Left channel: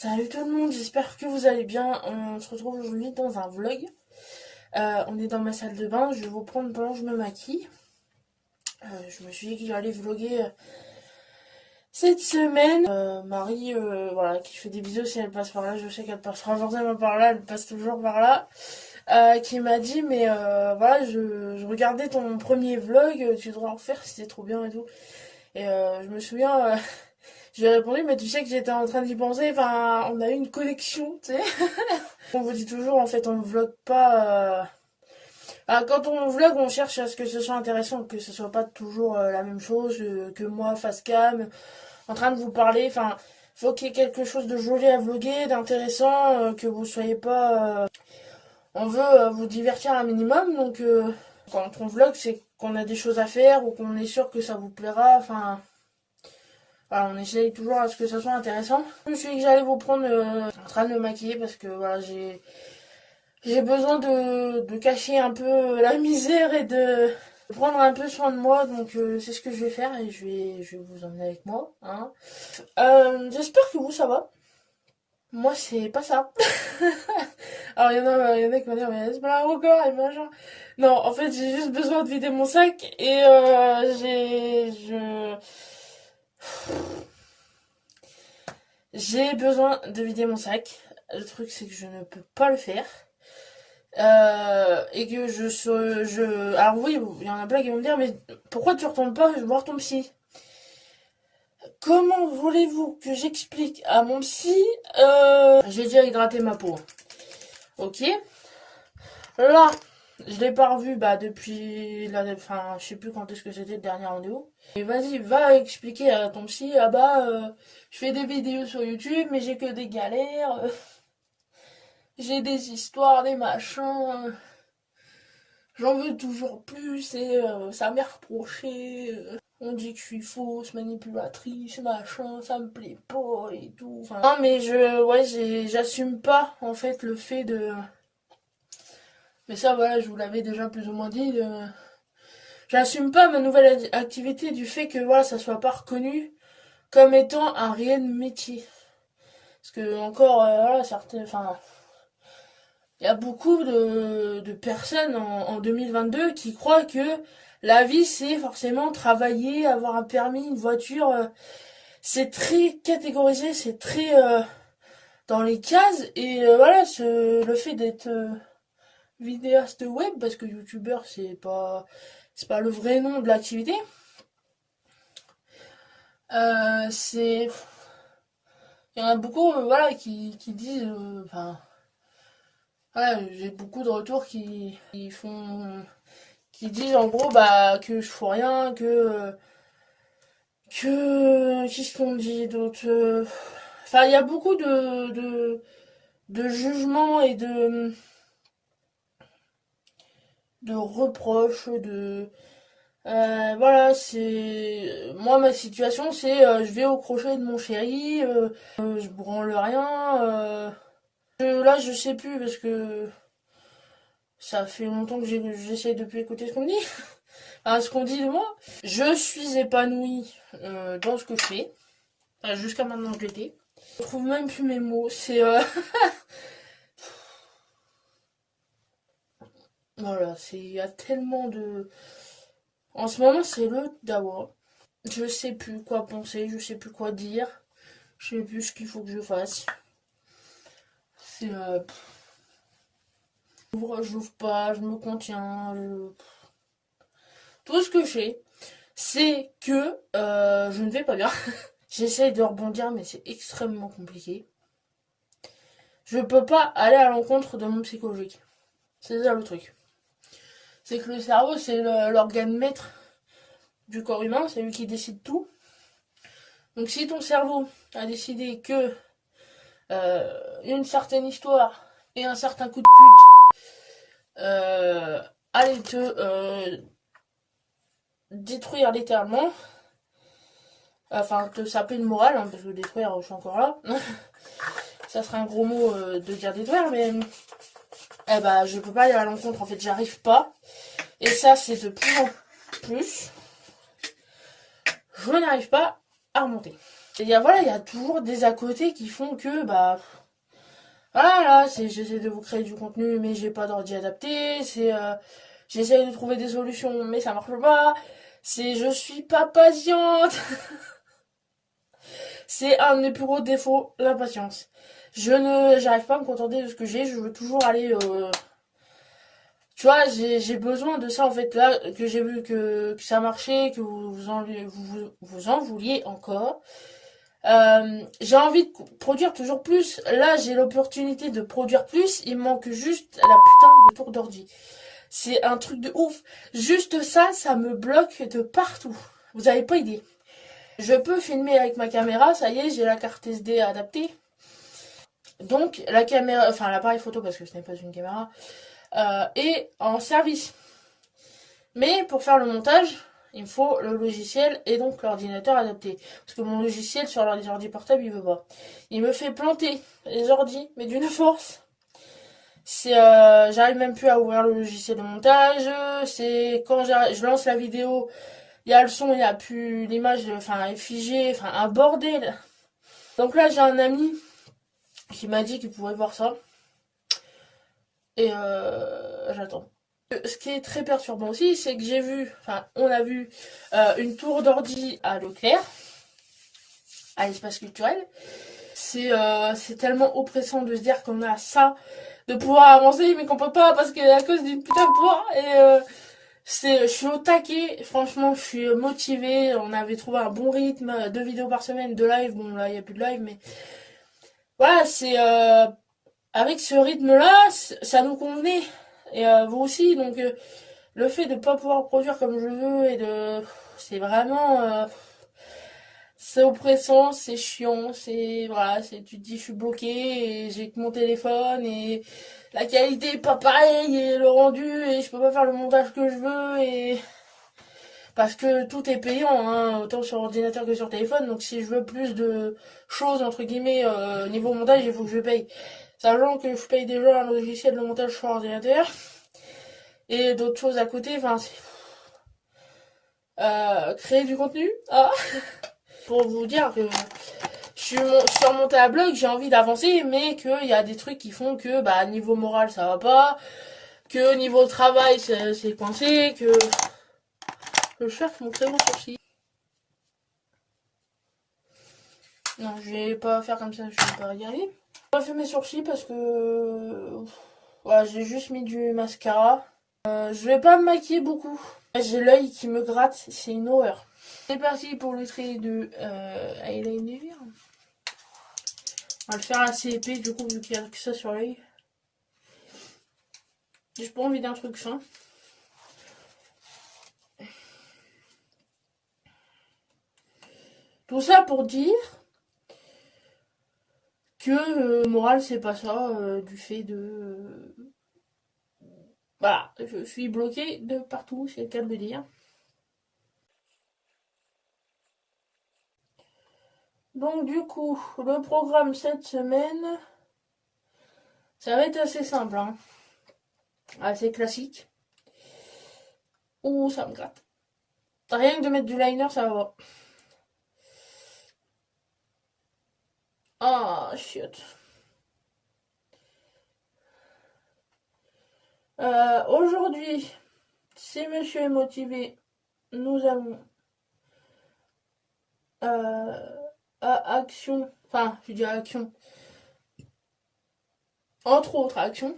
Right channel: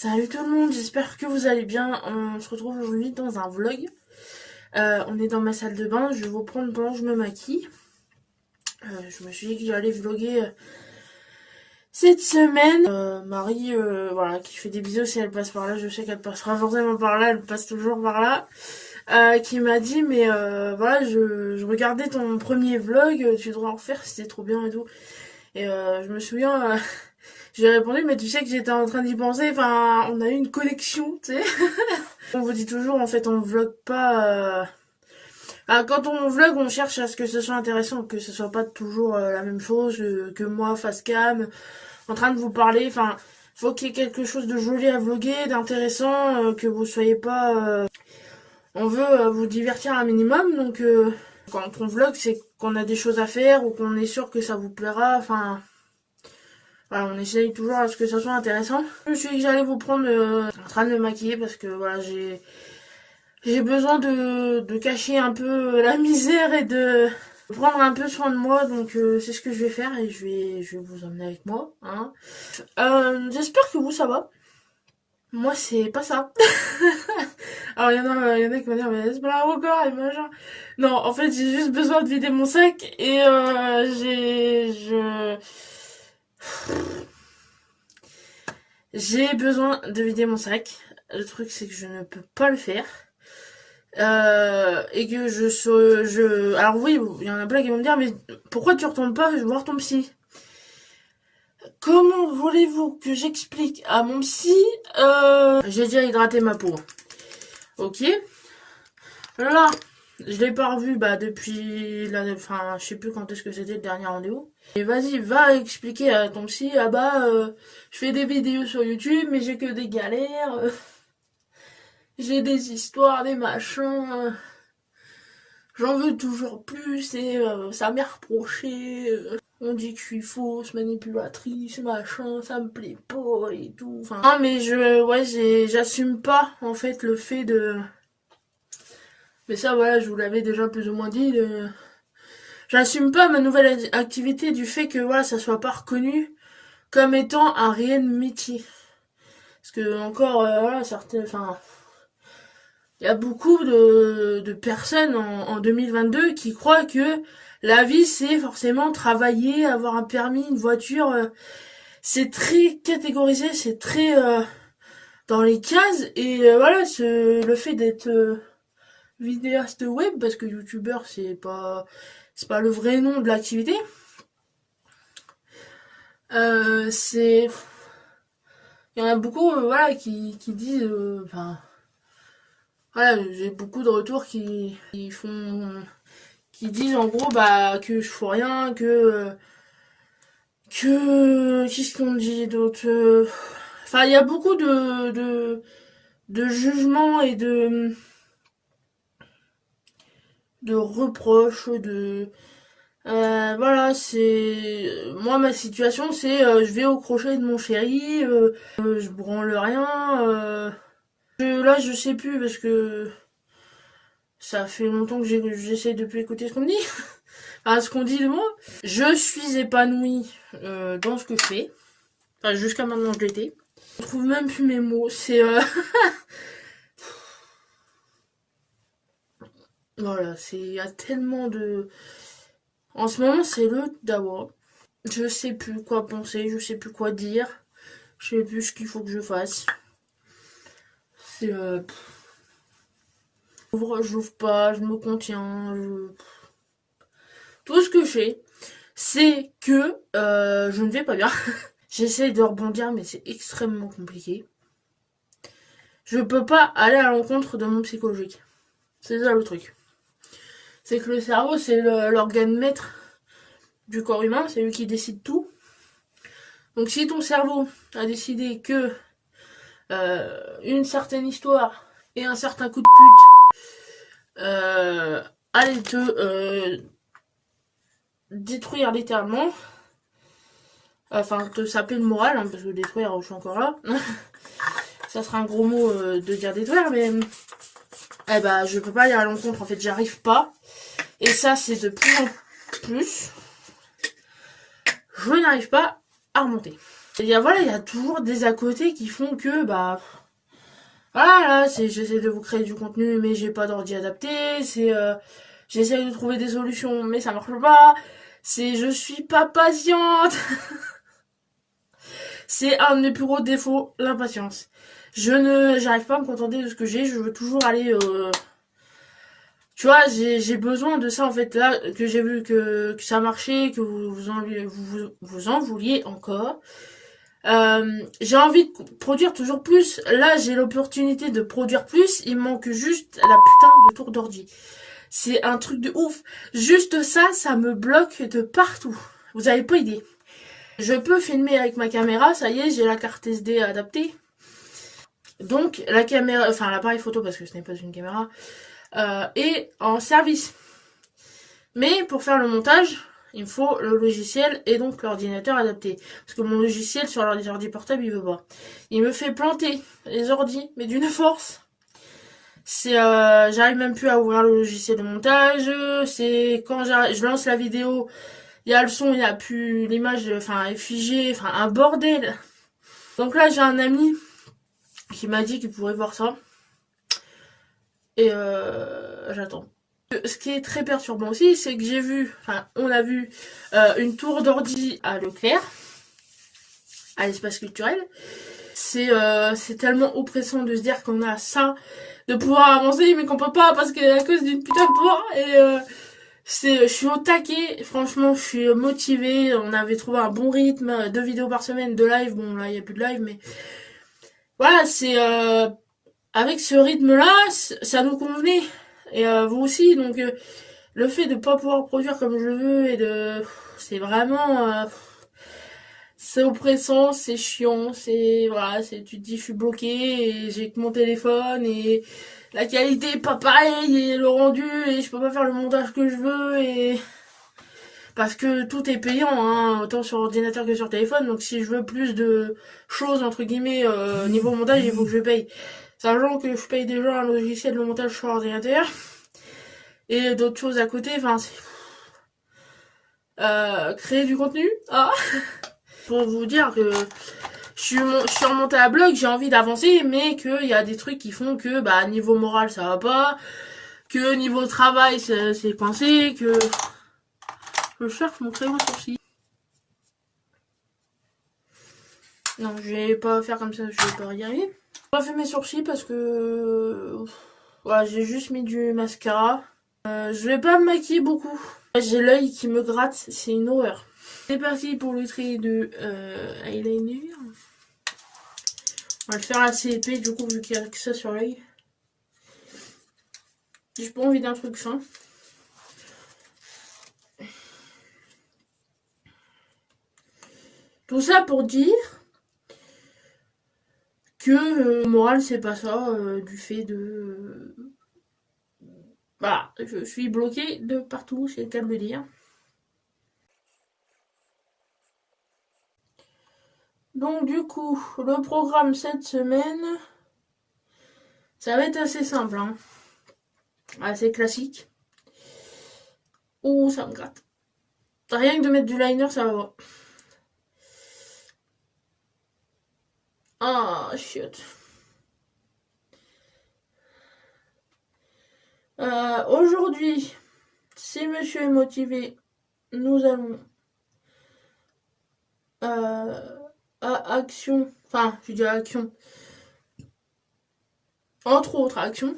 Salut tout le monde, j'espère que vous allez bien. On se retrouve aujourd'hui dans un vlog. On est dans ma salle de bain, je vais vous prendre pendant que je me maquille. Je me suis dit que j'allais vlogger cette semaine. Marie, voilà, qui fait des bisous si elle passe par là, je sais qu'elle passera forcément par là, elle passe toujours par là. Qui m'a dit, mais voilà, je regardais ton premier vlog, tu devrais en refaire, c'était trop bien et tout. Et je me souviens, j'ai répondu, mais tu sais que j'étais en train d'y penser, enfin, on a eu une connexion, tu sais. On vous dit toujours, en fait, on vlog pas. Quand on vlog, on cherche à ce que ce soit intéressant, que ce soit pas toujours la même chose, que moi, face cam, en train de vous parler. Enfin, faut qu'il y ait quelque chose de joli à vlogger, d'intéressant, que vous soyez pas. On veut vous divertir un minimum, donc quand on vlog, c'est qu'on a des choses à faire ou qu'on est sûr que ça vous plaira. Enfin, voilà, on essaye toujours à ce que ça soit intéressant. Je me suis dit que j'allais vous prendre en train de me maquiller parce que voilà, j'ai besoin de cacher un peu la misère et de prendre un peu soin de moi. Donc c'est ce que je vais faire et je vais vous emmener avec moi. Hein. J'espère que vous, ça va. Moi, c'est pas ça. Alors, il y en a qui vont dire, mais c'est pas encore et machin. Non, en fait, j'ai juste besoin de vider mon sac et j'ai besoin de vider mon sac. Le truc, c'est que je ne peux pas le faire. Et que Alors oui, il y en a plein qui vont me dire, mais pourquoi tu retournes pas voir ton psy? Comment voulez-vous que j'explique à mon psy J'ai déjà hydraté ma peau. Ok. Là, je l'ai pas revu depuis enfin, je sais plus quand est-ce que c'était le dernier rendez-vous. Et vas-y, va expliquer à ton psy, ah bah, je fais des vidéos sur YouTube, mais j'ai que des galères, j'ai des histoires, des machins, j'en veux toujours plus et ça m'est reproché. On dit que je suis fausse, manipulatrice, machin, ça me plaît pas et tout. Enfin, non, mais j'assume pas en fait le fait de. Mais ça, voilà, je vous l'avais déjà plus ou moins dit. J'assume pas ma nouvelle activité du fait que voilà, ça soit pas reconnu comme étant un réel métier. Parce que encore, voilà, certains, enfin, il y a beaucoup de personnes en 2022 qui croient que la vie c'est forcément travailler, avoir un permis, une voiture. C'est très catégorisé, c'est très dans les cases. Et voilà, le fait d'être vidéaste web, parce que youtubeur c'est pas le vrai nom de l'activité. C'est Il y en a beaucoup voilà qui disent enfin voilà, j'ai beaucoup de retours qui disent en gros bah que je fous rien, que qu'est-ce qu'on dit d'autre, enfin il y a beaucoup de jugements et de reproches, voilà, c'est moi ma situation c'est je vais au crochet de mon chéri, je branle rien, là je sais plus parce que ça fait longtemps que j'essaye de plus écouter ce qu'on me dit. Enfin, ce qu'on dit de moi. Je suis épanouie dans ce que je fais. Enfin, jusqu'à maintenant je l'étais. Je trouve même plus mes mots. C'est voilà, il y a tellement de. En ce moment c'est le dawa. Je sais plus quoi penser, je sais plus quoi dire, je sais plus ce qu'il faut que je fasse. C'est j'ouvre pas, je me contiens, tout ce que je fais, c'est que je ne vais pas bien. J'essaye de rebondir, mais c'est extrêmement compliqué. Je peux pas aller à l'encontre de mon psychologique. C'est ça le truc. C'est que le cerveau, c'est l'organe maître du corps humain, c'est lui qui décide tout. Donc si ton cerveau a décidé que une certaine histoire et un certain coup de pute allait te détruire littéralement, enfin te saper le moral, hein, parce que détruire, je suis encore là. Ça serait un gros mot de dire détruire, mais eh ben, je peux pas aller à l'encontre, en fait, j'arrive pas. Et ça, c'est de plus en plus. Je n'arrive pas à remonter. Voilà, il y a toujours des à côté qui font que, bah, voilà, j'essaie de vous créer du contenu, mais j'ai pas d'ordi adapté, j'essaie de trouver des solutions, mais ça marche pas, je suis pas patiente. C'est un de mes plus gros défauts, l'impatience. J'arrive pas à me contenter de ce que j'ai, je veux toujours aller, tu vois, j'ai besoin de ça, en fait, là, que j'ai vu que ça marchait, que vous en vouliez encore. J'ai envie de produire toujours plus. Là, j'ai l'opportunité de produire plus. Il me manque juste la putain de tour d'ordi. C'est un truc de ouf. Juste ça, ça me bloque de partout. Vous avez pas idée. Je peux filmer avec ma caméra. Ça y est, j'ai la carte SD adaptée. Donc, la caméra, enfin, l'appareil photo, parce que ce n'est pas une caméra, est en service. Mais pour faire le montage, il me faut le logiciel et donc l'ordinateur adapté. Parce que mon logiciel sur l'ordi portable, il veut pas. Il me fait planter les ordis, mais d'une force. J'arrive même plus à ouvrir le logiciel de montage. C'est quand je lance la vidéo, il y a le son, il y a plus l'image, enfin, est figée, enfin, un bordel. Donc là, j'ai un ami qui m'a dit qu'il pourrait voir ça. Et j'attends. Ce qui est très perturbant aussi, c'est que on a vu une tour d'ordi à Leclerc, à l'espace culturel. C'est tellement oppressant de se dire qu'on a ça, de pouvoir avancer, mais qu'on peut pas parce que à cause d'une putain de tour. Et je suis au taquet, franchement, je suis motivée. On avait trouvé un bon rythme, 2 vidéos par semaine, 2 lives. Bon, là, il n'y a plus de live, mais voilà, avec ce rythme-là, ça nous convenait. Et vous aussi, donc le fait de pas pouvoir produire comme je veux c'est vraiment c'est oppressant, c'est chiant, voilà, tu te dis je suis bloqué et j'ai que mon téléphone et la qualité est pas pareille et le rendu et je peux pas faire le montage que je veux et parce que tout est payant, hein, autant sur ordinateur que sur téléphone, donc si je veux plus de choses entre guillemets niveau montage, il faut que je paye. Sachant que je paye déjà un logiciel de montage sur ordinateur et d'autres choses à côté, enfin créer du contenu, ah. Pour vous dire que je suis remontée à bloc, j'ai envie d'avancer, mais qu'il y a des trucs qui font que bah niveau moral ça va pas, que niveau travail c'est coincé, que je cherche mon crayon sourcil. Non, je vais pas faire comme ça, je vais pas y arriver. J'ai pas fait mes sourcils parce que voilà, j'ai juste mis du mascara. Je vais pas me maquiller beaucoup. J'ai l'œil qui me gratte, c'est une horreur. C'est parti pour le trait de eyeliner. On va le faire assez épais du coup vu qu'il y a que ça sur l'œil. J'ai pas envie d'un truc fin. Tout ça pour dire que moral c'est pas ça du fait de voilà, je suis bloquée de partout, c'est le cas de le dire. Donc du coup, le programme cette semaine, ça va être assez simple, hein. Assez classique. Ouh, ça me gratte. Rien que de mettre du liner, ça va. Ah, chiotte. Aujourd'hui, si monsieur est motivé, nous allons à action, enfin, je dis à action, entre autres actions,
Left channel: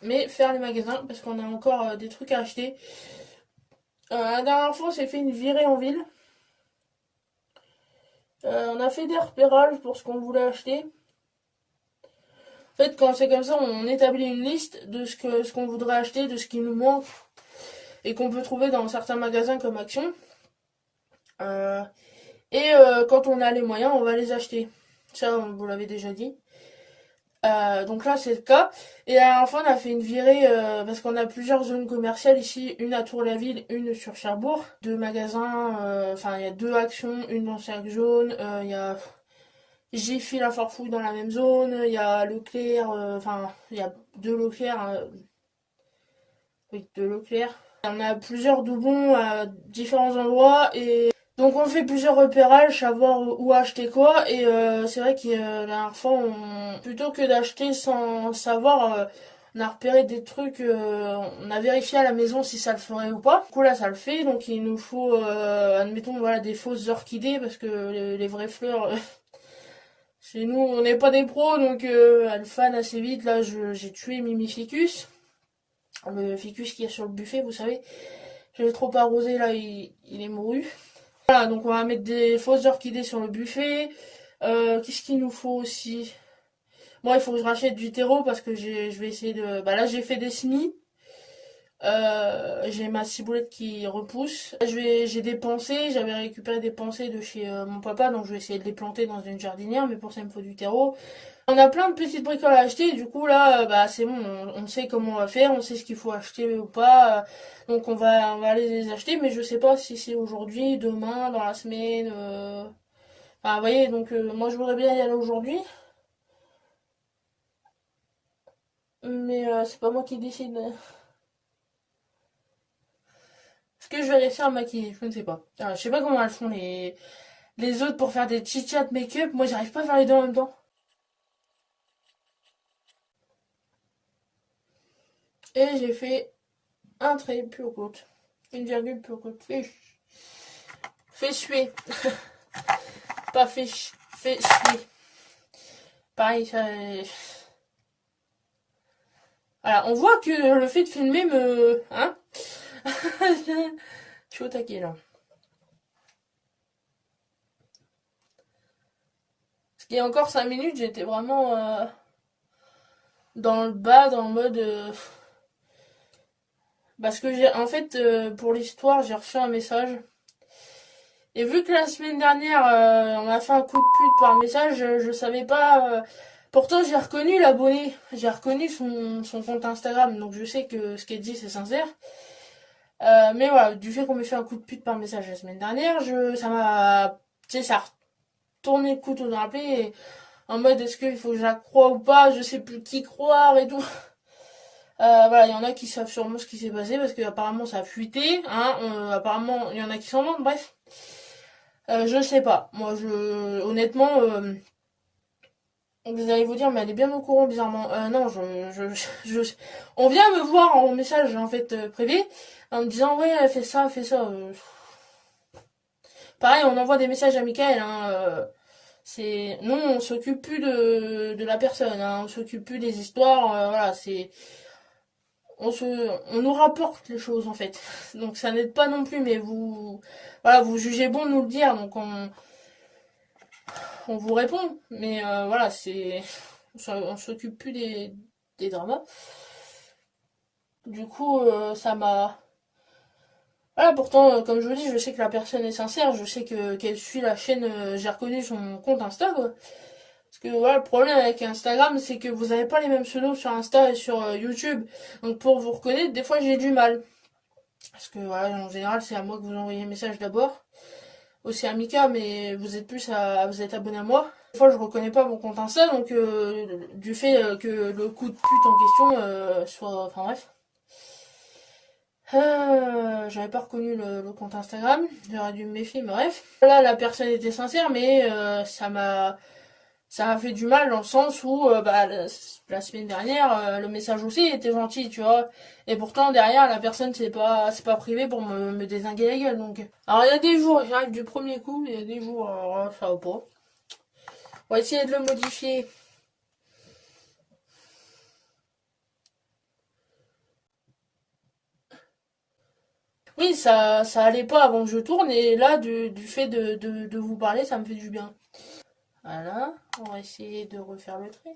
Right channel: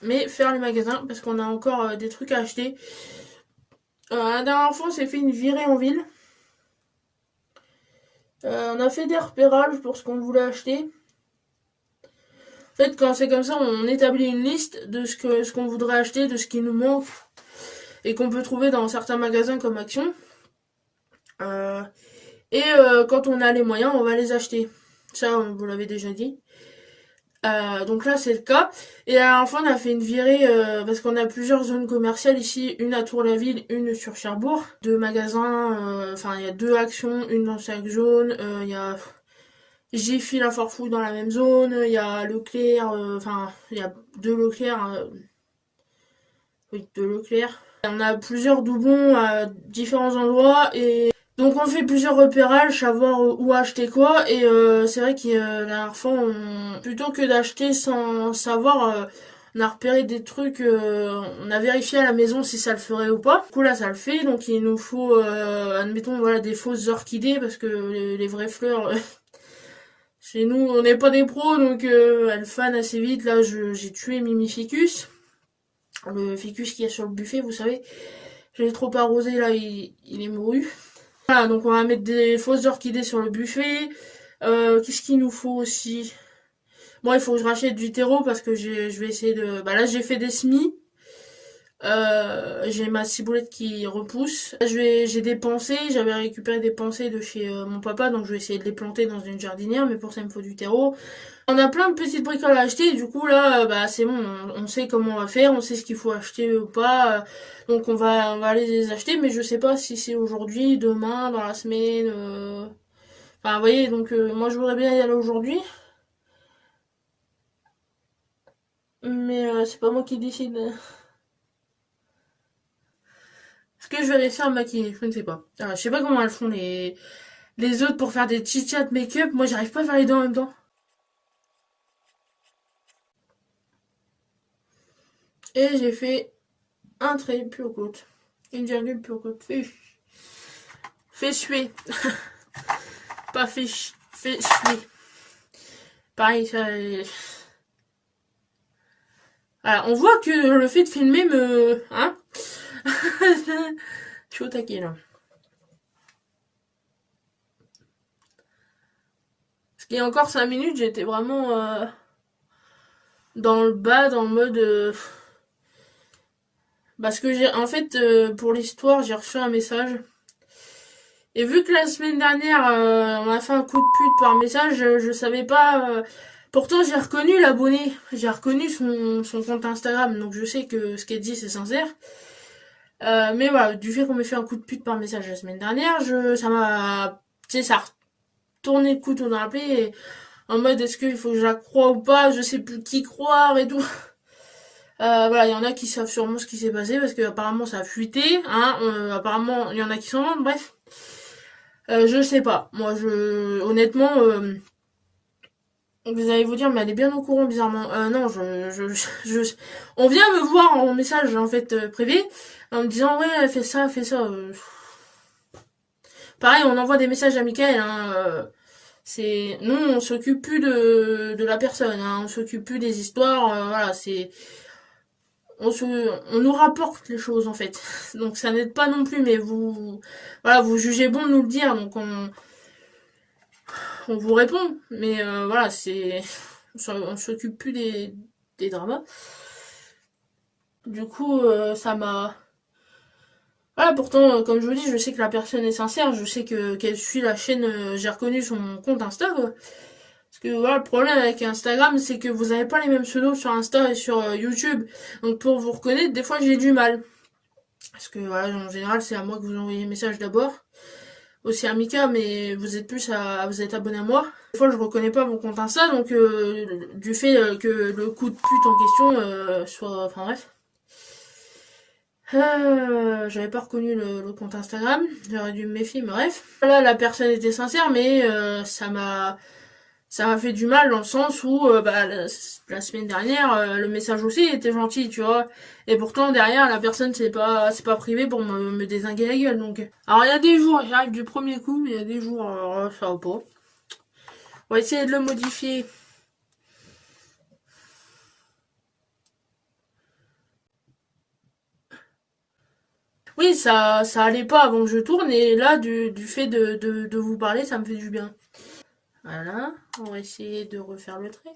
mais faire les magasins parce qu'on a encore des trucs à acheter. La dernière fois, on s'est fait une virée en ville. On a fait des repérages pour ce qu'on voulait acheter. En fait, quand c'est comme ça, on établit une liste de ce qu'on voudrait acheter, de ce qui nous manque et qu'on peut trouver dans certains magasins comme Action. Quand on a les moyens, on va les acheter. Ça, on vous l'avait déjà dit. Donc là, c'est le cas. Et la dernière fois, on a fait une virée parce qu'on a plusieurs zones commerciales ici, une à Tour-la-Ville, une sur Cherbourg. 2 magasins, enfin, il y a 2 actions, une dans chaque zone. Il y a Jiffy la Forfouille dans la même zone. Il y a Leclerc, enfin, il y a 2 Leclerc. Oui, 2 Leclerc. On a plusieurs doublons à différents endroits et Donc on fait plusieurs repérages, savoir où acheter quoi, et c'est vrai que la dernière fois, plutôt que d'acheter sans savoir, on a repéré des trucs, on a vérifié à la maison si ça le ferait ou pas. Du coup là ça le fait, donc il nous faut, admettons, voilà, des fausses orchidées, parce que les vraies fleurs, chez nous on n'est pas des pros, donc elles fanent assez vite. Là j'ai tué Mimificus, le ficus qui est sur le buffet, vous savez. J'ai trop arrosé là, il est mouru. Voilà, donc on va mettre des fausses orchidées sur le buffet. Qu'est-ce qu'il nous faut aussi? Moi, il faut que je rachète du terreau parce que je vais essayer de. Bah là, j'ai fait des semis. J'ai ma ciboulette qui repousse. J'ai des pensées. J'avais récupéré des pensées de chez mon papa, donc je vais essayer de les planter dans une jardinière. Mais pour ça, il me faut du terreau. On a plein de petites bricoles à acheter. Du coup, là, bah c'est bon. On sait comment on va faire. On sait ce qu'il faut acheter ou pas. Donc on va aller les acheter. Mais je sais pas si c'est aujourd'hui, demain, dans la semaine. Enfin, vous voyez, donc moi je voudrais bien y aller aujourd'hui, mais c'est pas moi qui décide. Est-ce que je vais aller faire maquiller? Je ne sais pas. Je sais pas comment elles font les autres pour faire des chit-chat make-up. Moi j'arrive pas à faire les deux en même temps. Et j'ai fait un trait plus au côte. Une virgule plus au côte. Fait suer. Pas fait suer. Pareil, ça. Voilà, on voit que le fait de filmer me. Hein. Je suis au taquet là. Parce qu'il y a encore 5 minutes, j'étais vraiment dans le bas, dans le mode. Parce que j'ai. En fait, pour l'histoire, j'ai reçu un message. Et vu que la semaine dernière, on m'a fait un coup de pute par message, je savais pas. Pourtant, j'ai reconnu l'abonné. J'ai reconnu son compte Instagram. Donc je sais que ce qu'elle dit, c'est sincère. Mais voilà, du fait qu'on m'ait fait un coup de pute par message la semaine dernière, ça m'a. Tu sais, ça a retourné le couteau dans la plaie. En mode, est-ce qu'il faut que je la croie ou pas? Je sais plus qui croire et tout. Voilà, il y en a qui savent sûrement ce qui s'est passé parce que apparemment ça a fuité, hein. Apparemment, il y en a qui s'en vendent, bref. Je sais pas. Moi, honnêtement, vous allez vous dire, mais elle est bien au courant, bizarrement. Non, on vient me voir en message, en fait, privé, en me disant, ouais, elle fait ça, elle fait ça. Pareil, on envoie des messages à Michael, hein. Non, on s'occupe plus de la personne, hein. On s'occupe plus des histoires, voilà, on nous rapporte les choses en fait. Donc ça n'aide pas non plus, mais voilà, vous jugez bon de nous le dire, donc on vous répond. Mais voilà, on s'occupe plus des dramas. Du coup, ça m'a. Voilà, pourtant, comme je vous dis, je sais que la personne est sincère, je sais qu'elle suit la chaîne, j'ai reconnu son compte Insta, quoi. Parce que voilà, le problème avec Instagram, c'est que vous n'avez pas les mêmes pseudos sur Insta et sur YouTube. Donc pour vous reconnaître, des fois j'ai du mal. Parce que voilà, en général, c'est à moi que vous envoyez les messages d'abord. Aussi à Mika, mais vous êtes abonné à moi. Des fois, je reconnais pas mon compte Insta, donc du fait que le coup de pute en question soit. Enfin bref. J'avais pas reconnu le compte Instagram, j'aurais dû me méfier, mais bref. Là, la personne était sincère, mais ça m'a fait du mal dans le sens où bah, la semaine dernière le message aussi était gentil, tu vois, et pourtant derrière la personne c'est pas privé pour me dézinguer la gueule. Donc alors il y a des jours j'arrive du premier coup, mais il y a des jours ça va pas. On va essayer de le modifier. Oui, ça allait pas avant que je tourne, et là du fait de vous parler, ça me fait du bien. Voilà, on va essayer de refaire le trait.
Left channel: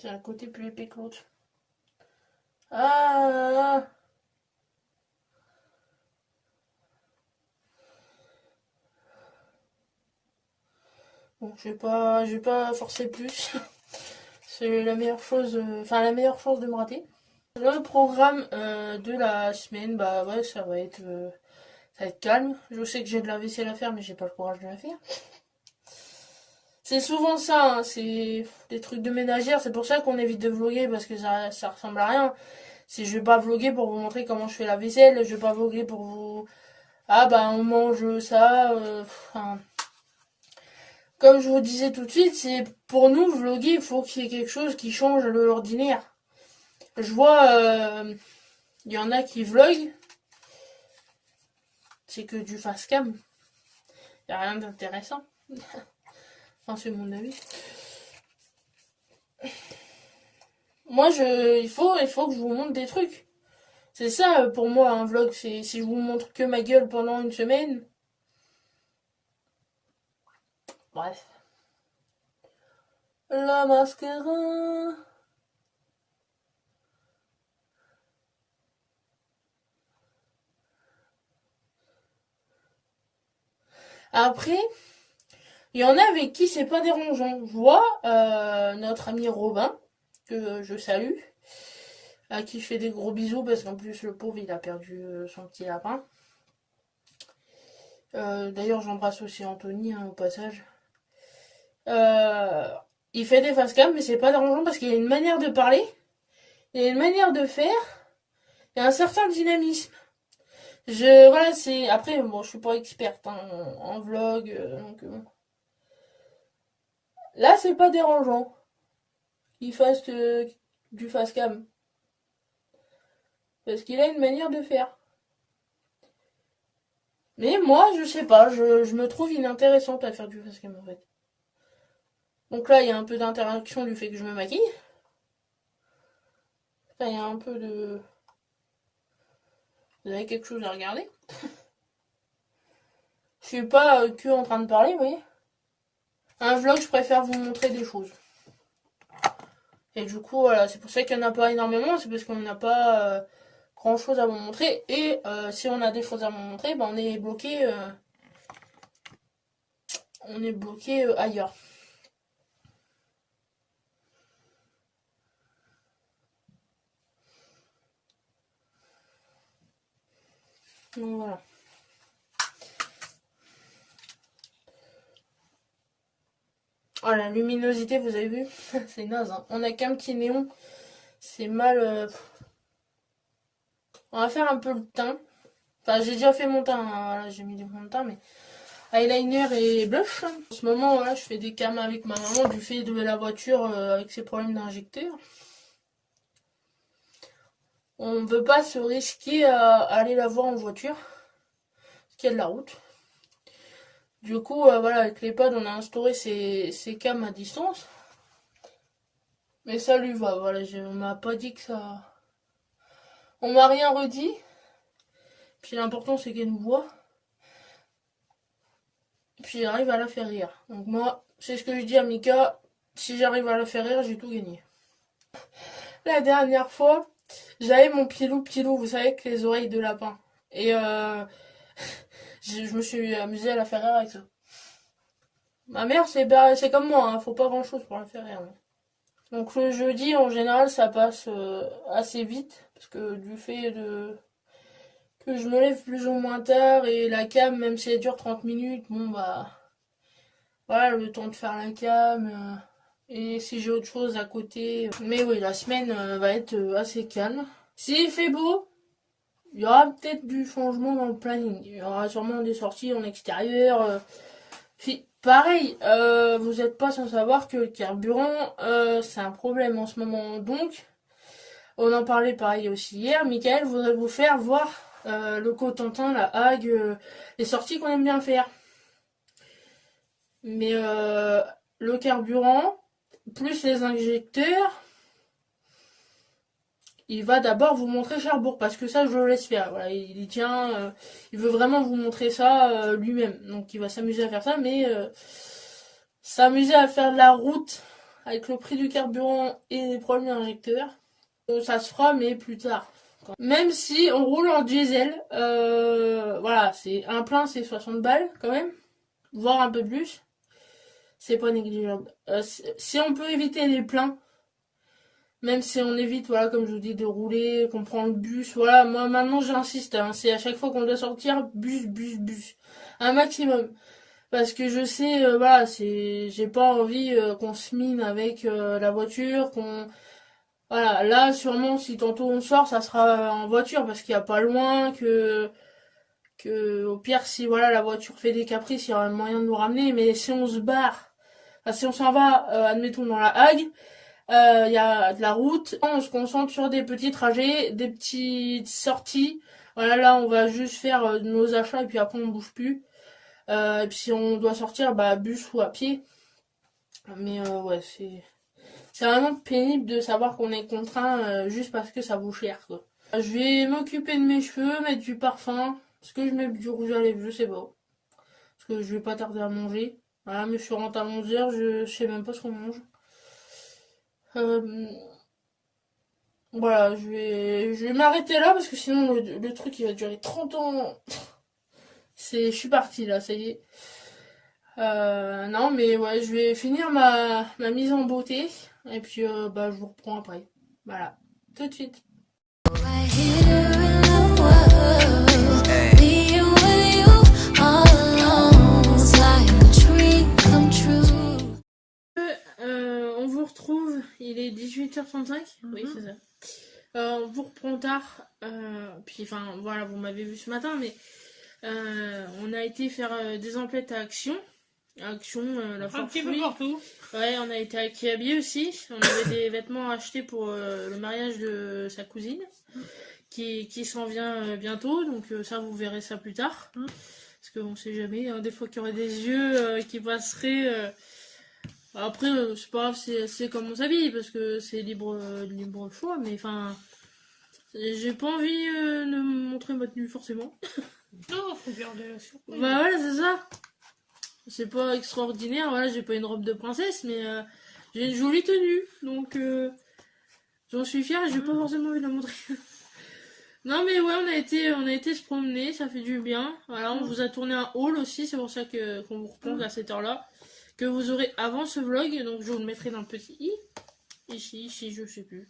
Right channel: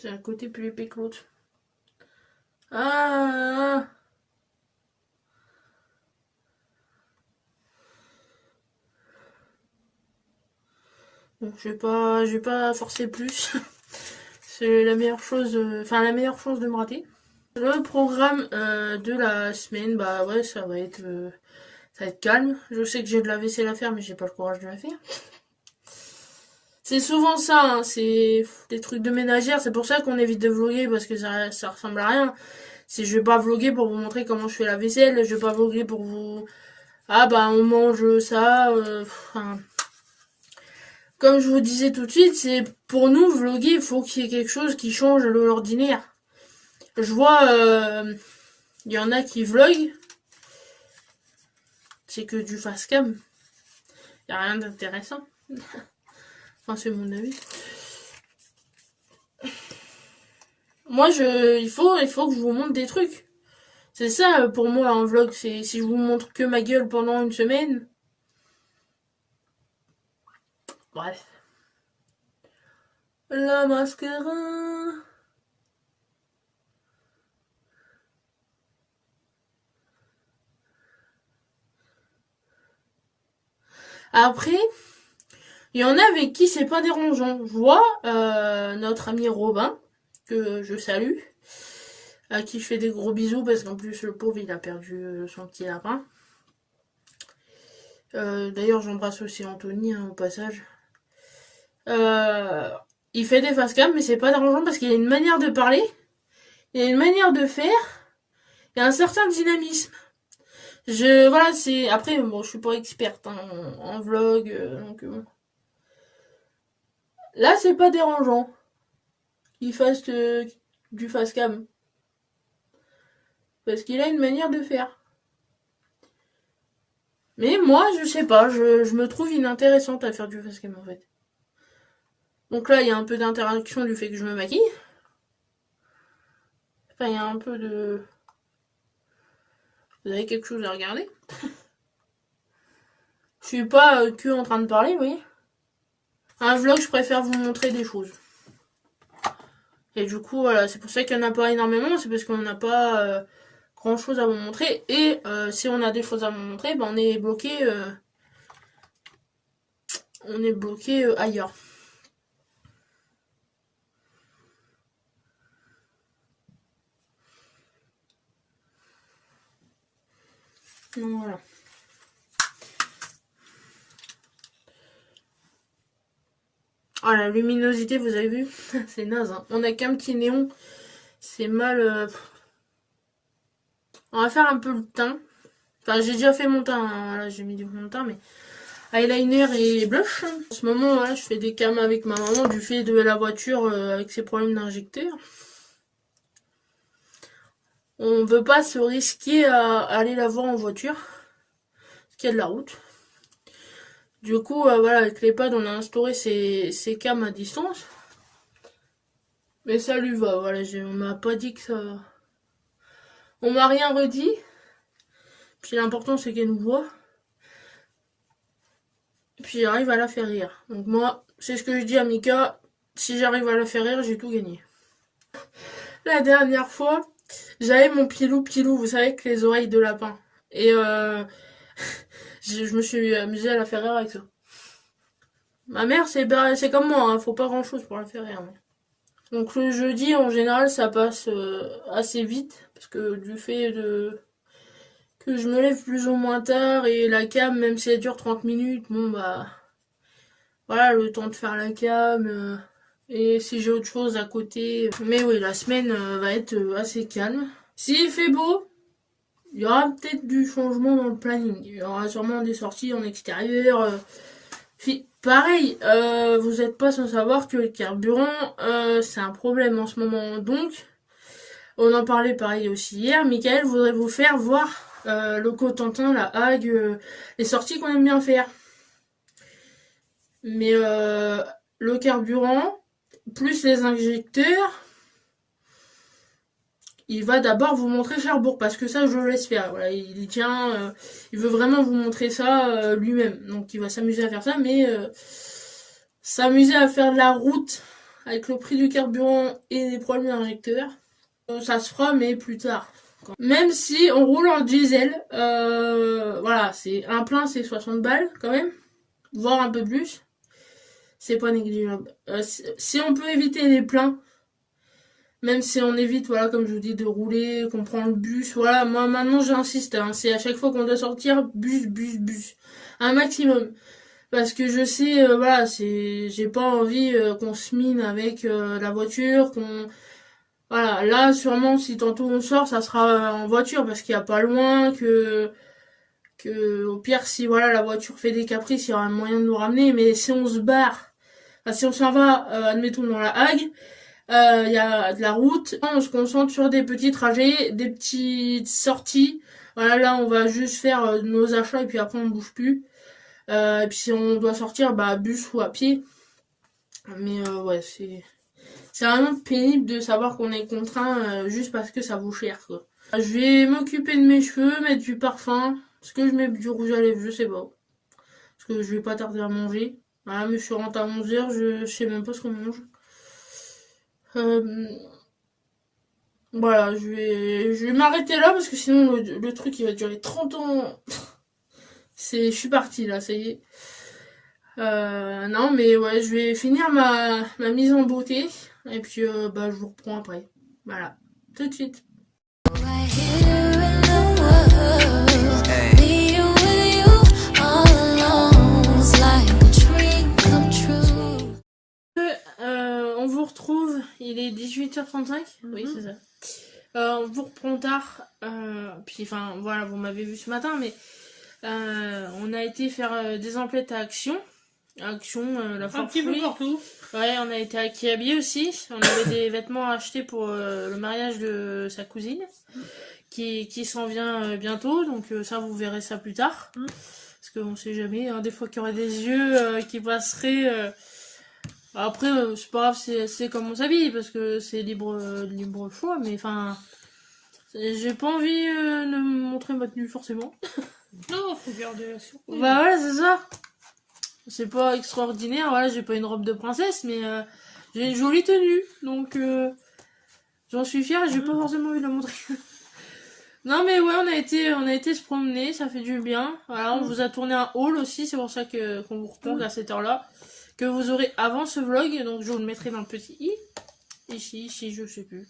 J'ai un côté plus épais que l'autre. Ah. Bon, je vais pas forcer plus. C'est la meilleure chose, enfin la meilleure chance de me rater. Le programme de la semaine, bah ouais, ça va être calme. Je sais que j'ai de la vaisselle à faire, mais j'ai pas le courage de la faire. C'est souvent ça, hein, c'est des trucs de ménagère, c'est pour ça qu'on évite de vlogger parce que ça ressemble à rien. C'est je vais pas vlogger pour vous montrer comment je fais la vaisselle, je vais pas vlogger pour vous... Ah bah on mange ça, enfin... Comme je vous disais tout de suite, c'est pour nous vlogger, il faut qu'il y ait quelque chose qui change de l'ordinaire. Je vois, il y en a qui vloguent, c'est que du face cam. Y a rien d'intéressant. Enfin, c'est mon avis. Moi, il faut que je vous montre des trucs. C'est ça pour moi un vlog. C'est si je vous montre que ma gueule pendant une semaine. Bref. La mascara. Après, il y en a avec qui c'est pas dérangeant. Je vois notre ami Robin, que je salue, à qui je fais des gros bisous parce qu'en plus le pauvre il a perdu son petit lapin. D'ailleurs j'embrasse aussi Anthony hein, au passage. Euh, il fait des facecam mais c'est pas dérangeant parce qu'il a une manière de parler, il a une manière de faire et un certain dynamisme. Voilà, c'est après bon, je suis pas experte hein, en vlog donc bon. Là c'est pas dérangeant qu'il fasse du facecam parce qu'il a une manière de faire. Mais moi, je sais pas, je me trouve inintéressante à faire du facecam en fait. Donc là, il y a un peu d'interaction du fait que je me maquille. Enfin, il y a un peu de... Vous avez quelque chose à regarder. Je suis pas que en train de parler, vous voyez. Un vlog, je préfère vous montrer des choses. Et du coup, voilà, c'est pour ça qu'il n'y en a pas énormément, c'est parce qu'on n'a pas grand chose à vous montrer. Et si on a des choses à vous montrer, ben on est bloqué ailleurs. Donc voilà. Oh, la luminosité, vous avez vu? C'est naze, hein. On a qu'un petit néon. C'est mal. On va faire un peu le teint. Enfin, j'ai déjà fait mon teint. Hein. Voilà, j'ai mis du fond de teint, mais eyeliner et blush. En ce moment, voilà, je fais des cams avec ma maman du fait de la voiture avec ses problèmes d'injecteur. On ne veut pas se risquer à aller la voir en voiture. Parce qu'il y a de la route. Du coup, voilà, avec l'EHPAD, on a instauré ces cams à distance. Mais ça lui va, voilà, on m'a pas dit que ça... On m'a rien redit. Puis l'important, c'est qu'elle nous voit. Puis j'arrive à la faire rire. Donc moi, c'est ce que je dis à Mika, si j'arrive à la faire rire, j'ai tout gagné. La dernière fois, j'avais mon pilou, vous savez, avec les oreilles de lapin. Et je me suis amusée à la faire rire avec ça. Ma mère, c'est comme moi, hein, faut pas grand chose pour la faire rire. Donc le jeudi, en général, ça passe assez vite, parce que du fait que je me lève plus ou moins tard, et la cam, même si elle dure 30 minutes, bon bah... Voilà, le temps de faire la cam, et si j'ai autre chose à côté. Mais oui, la semaine va être assez calme. S'il fait beau, il y aura peut-être du changement dans le planning. Il y aura sûrement des sorties en extérieur. Pareil, vous n'êtes pas sans savoir que le carburant, c'est un problème en ce moment. Donc, on en parlait pareil aussi hier. Michael voudrait vous faire voir le Cotentin, la Hague, les sorties qu'on aime bien faire. Mais le carburant, plus les injecteurs, il va d'abord vous montrer Cherbourg, parce que ça, je le laisse faire. Voilà, il tient, il veut vraiment vous montrer ça lui-même. Donc il va s'amuser à faire ça, mais s'amuser à faire de la route avec le prix du carburant et les problèmes d'injecteurs, ça se fera, mais plus tard. Même si on roule en diesel, voilà, c'est un plein, c'est 60 balles quand même, voire un peu plus. C'est pas négligeable. Si on peut éviter les pleins, même si on évite, voilà, comme je vous dis, de rouler, qu'on prend le bus, voilà, moi maintenant j'insiste, hein, c'est à chaque fois qu'on doit sortir, bus, un maximum. Parce que je sais, voilà, j'ai pas envie qu'on se mine avec la voiture, qu'on... Voilà, là, sûrement, si tantôt on sort, ça sera en voiture, parce qu'il y a pas loin, au pire, si voilà, la voiture fait des caprices, il y aura un moyen de nous ramener, mais si on se barre, enfin, si on s'en va, admettons, dans la Hague, il y a de la route, on se concentre sur des petits trajets, des petites sorties, voilà, là, on va juste faire nos achats, et puis après, on bouge plus. Et puis si on doit sortir, bah bus ou à pied. Mais ouais, c'est vraiment pénible de savoir qu'on est contraint juste parce que ça vaut cher, quoi. Je vais m'occuper de mes cheveux, mettre du parfum. Est-ce que je mets du rouge à lèvres? Je sais pas. Parce que je vais pas tarder à manger. Voilà, mais je rentre à 11h, je sais même pas ce qu'on mange. Euh, voilà, je vais m'arrêter là parce que sinon le truc il va durer 30 ans. Je suis partie là, ça y est. Non, mais ouais, je vais finir ma mise en beauté. Et puis, bah, je vous reprends après. Voilà. Tout de suite. Right here in the world, being with you all alone, it's like a dream come true. On vous retrouve, il est 18h35. Oui, c'est ça. On vous reprend tard. Puis, enfin, voilà, vous m'avez vu ce matin, mais on a été faire des emplettes à Action. Action, la Un foire petit peu fruits. partout. Ouais, on a été à Kiabi aussi. On avait des vêtements à acheter pour le mariage de sa cousine qui s'en vient bientôt. Donc ça, vous verrez ça plus tard. Parce qu'on sait jamais. Hein, des fois qu'il y aurait des yeux qui passeraient. Après, c'est pas grave, c'est comme on s'habille parce que c'est libre choix. Mais enfin, j'ai pas envie de me montrer ma tenue forcément. Non, faut garder la surprise. Bah voilà, c'est ça. C'est pas extraordinaire, voilà, j'ai pas une robe de princesse, mais j'ai une jolie tenue, donc j'en suis fière et j'ai pas forcément envie de la montrer. Non mais ouais, on a été se promener, ça fait du bien. Voilà, on vous a tourné un haul aussi, c'est pour ça qu'on vous retrouve à cette heure-là, que vous aurez avant ce vlog, donc je vous le mettrai dans le petit i. Ici, je sais plus.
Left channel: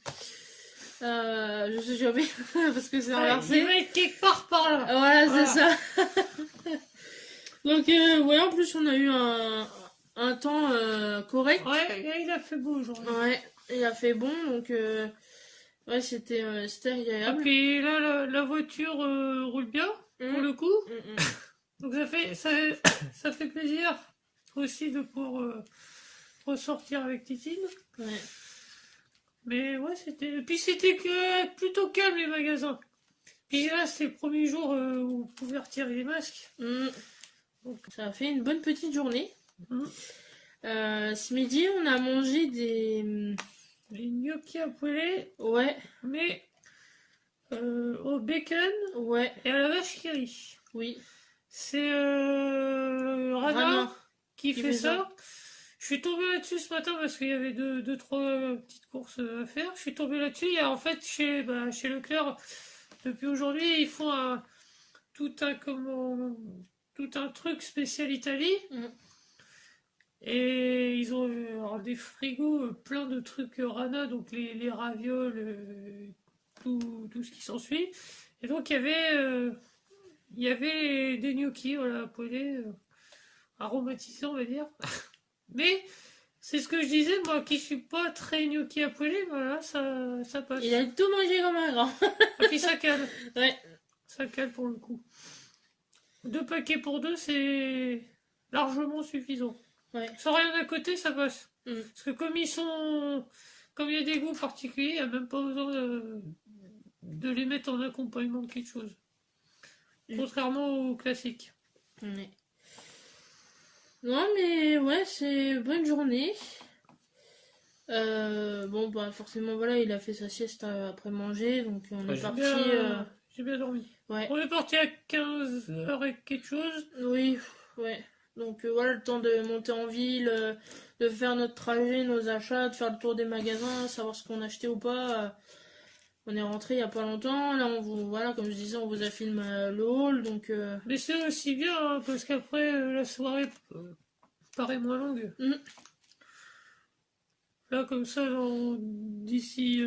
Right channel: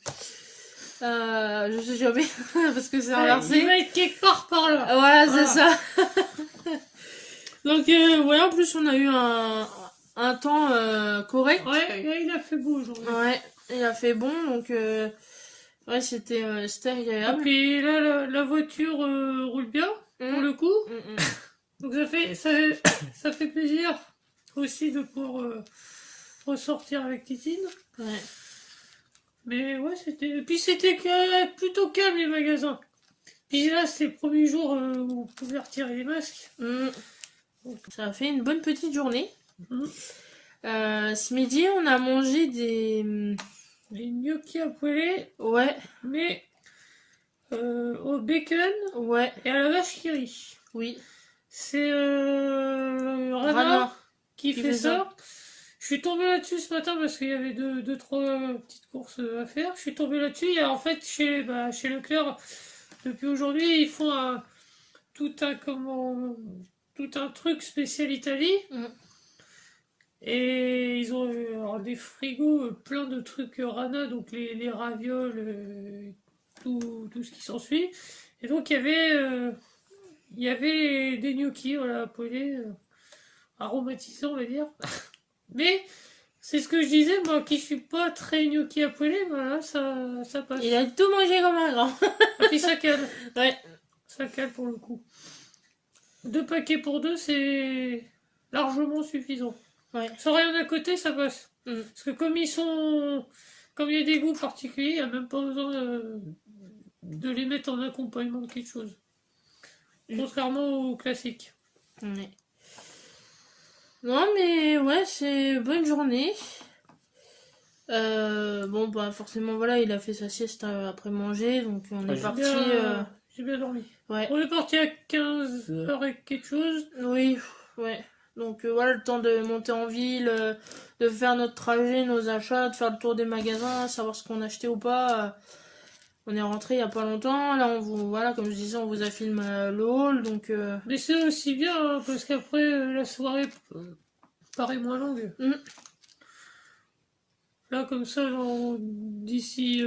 Je sais jamais, parce que c'est inversé. Il va être quelque part par là. Voilà, c'est ça. Donc, ouais, en plus, on a eu un temps correct. Ouais, il a fait beau aujourd'hui. Ouais, il a fait bon, donc, ouais, c'était Et agréable. puis là, la voiture roule bien, pour le coup. Donc ça fait plaisir aussi de pouvoir ressortir avec Titine. Ouais. Mais ouais, c'était plutôt calme les magasins. Puis là, c'est le premier jour où vous pouvez retirer les masques. Ça a fait une bonne petite journée. Mhm. Ce midi, on a mangé des... Les gnocchis à poêler, Ouais, mais au bacon ouais, et à la vache qui rit. oui. C'est Rana Rana qui fait ça. Je suis tombée là-dessus ce matin parce qu'il y avait deux, trois petites courses à faire. Je suis tombée là-dessus. Et en fait, chez Leclerc, depuis aujourd'hui, ils font tout un truc spécial Italie. Et ils ont alors, des frigos plein de trucs Rana, donc les ravioles, tout ce qui s'ensuit. Et donc il y avait des gnocchis, voilà, poêlés, aromatisés, on va dire. Mais c'est ce que je disais, moi qui suis pas très gnocchi à poêler, voilà, ça passe. Il a tout mangé comme un grand. Et puis ça cale. Ouais. Ça cale pour le coup. 2 paquets pour 2, c'est largement suffisant. Ouais. Sans rien à côté, ça passe. Parce que comme il y a des goûts particuliers, il n'y a même pas besoin de les mettre en accompagnement de quelque chose. Contrairement au classique. Ouais. Non mais ouais, c'est bonne journée. Bon bah forcément voilà, il a fait sa sieste après manger, donc on est parti. J'ai bien dormi. Ouais. On est parti à 15h et quelque chose. Oui, ouais. Donc voilà, le temps de monter en ville, de faire notre trajet, nos achats, de faire le tour des magasins, savoir ce qu'on a acheté ou pas. On est rentré il y a pas longtemps. Là, voilà, comme je disais, on vous a filmé le haul, donc. Mais c'est aussi bien hein, parce qu'après la soirée paraît moins longue. Là, comme ça, d'ici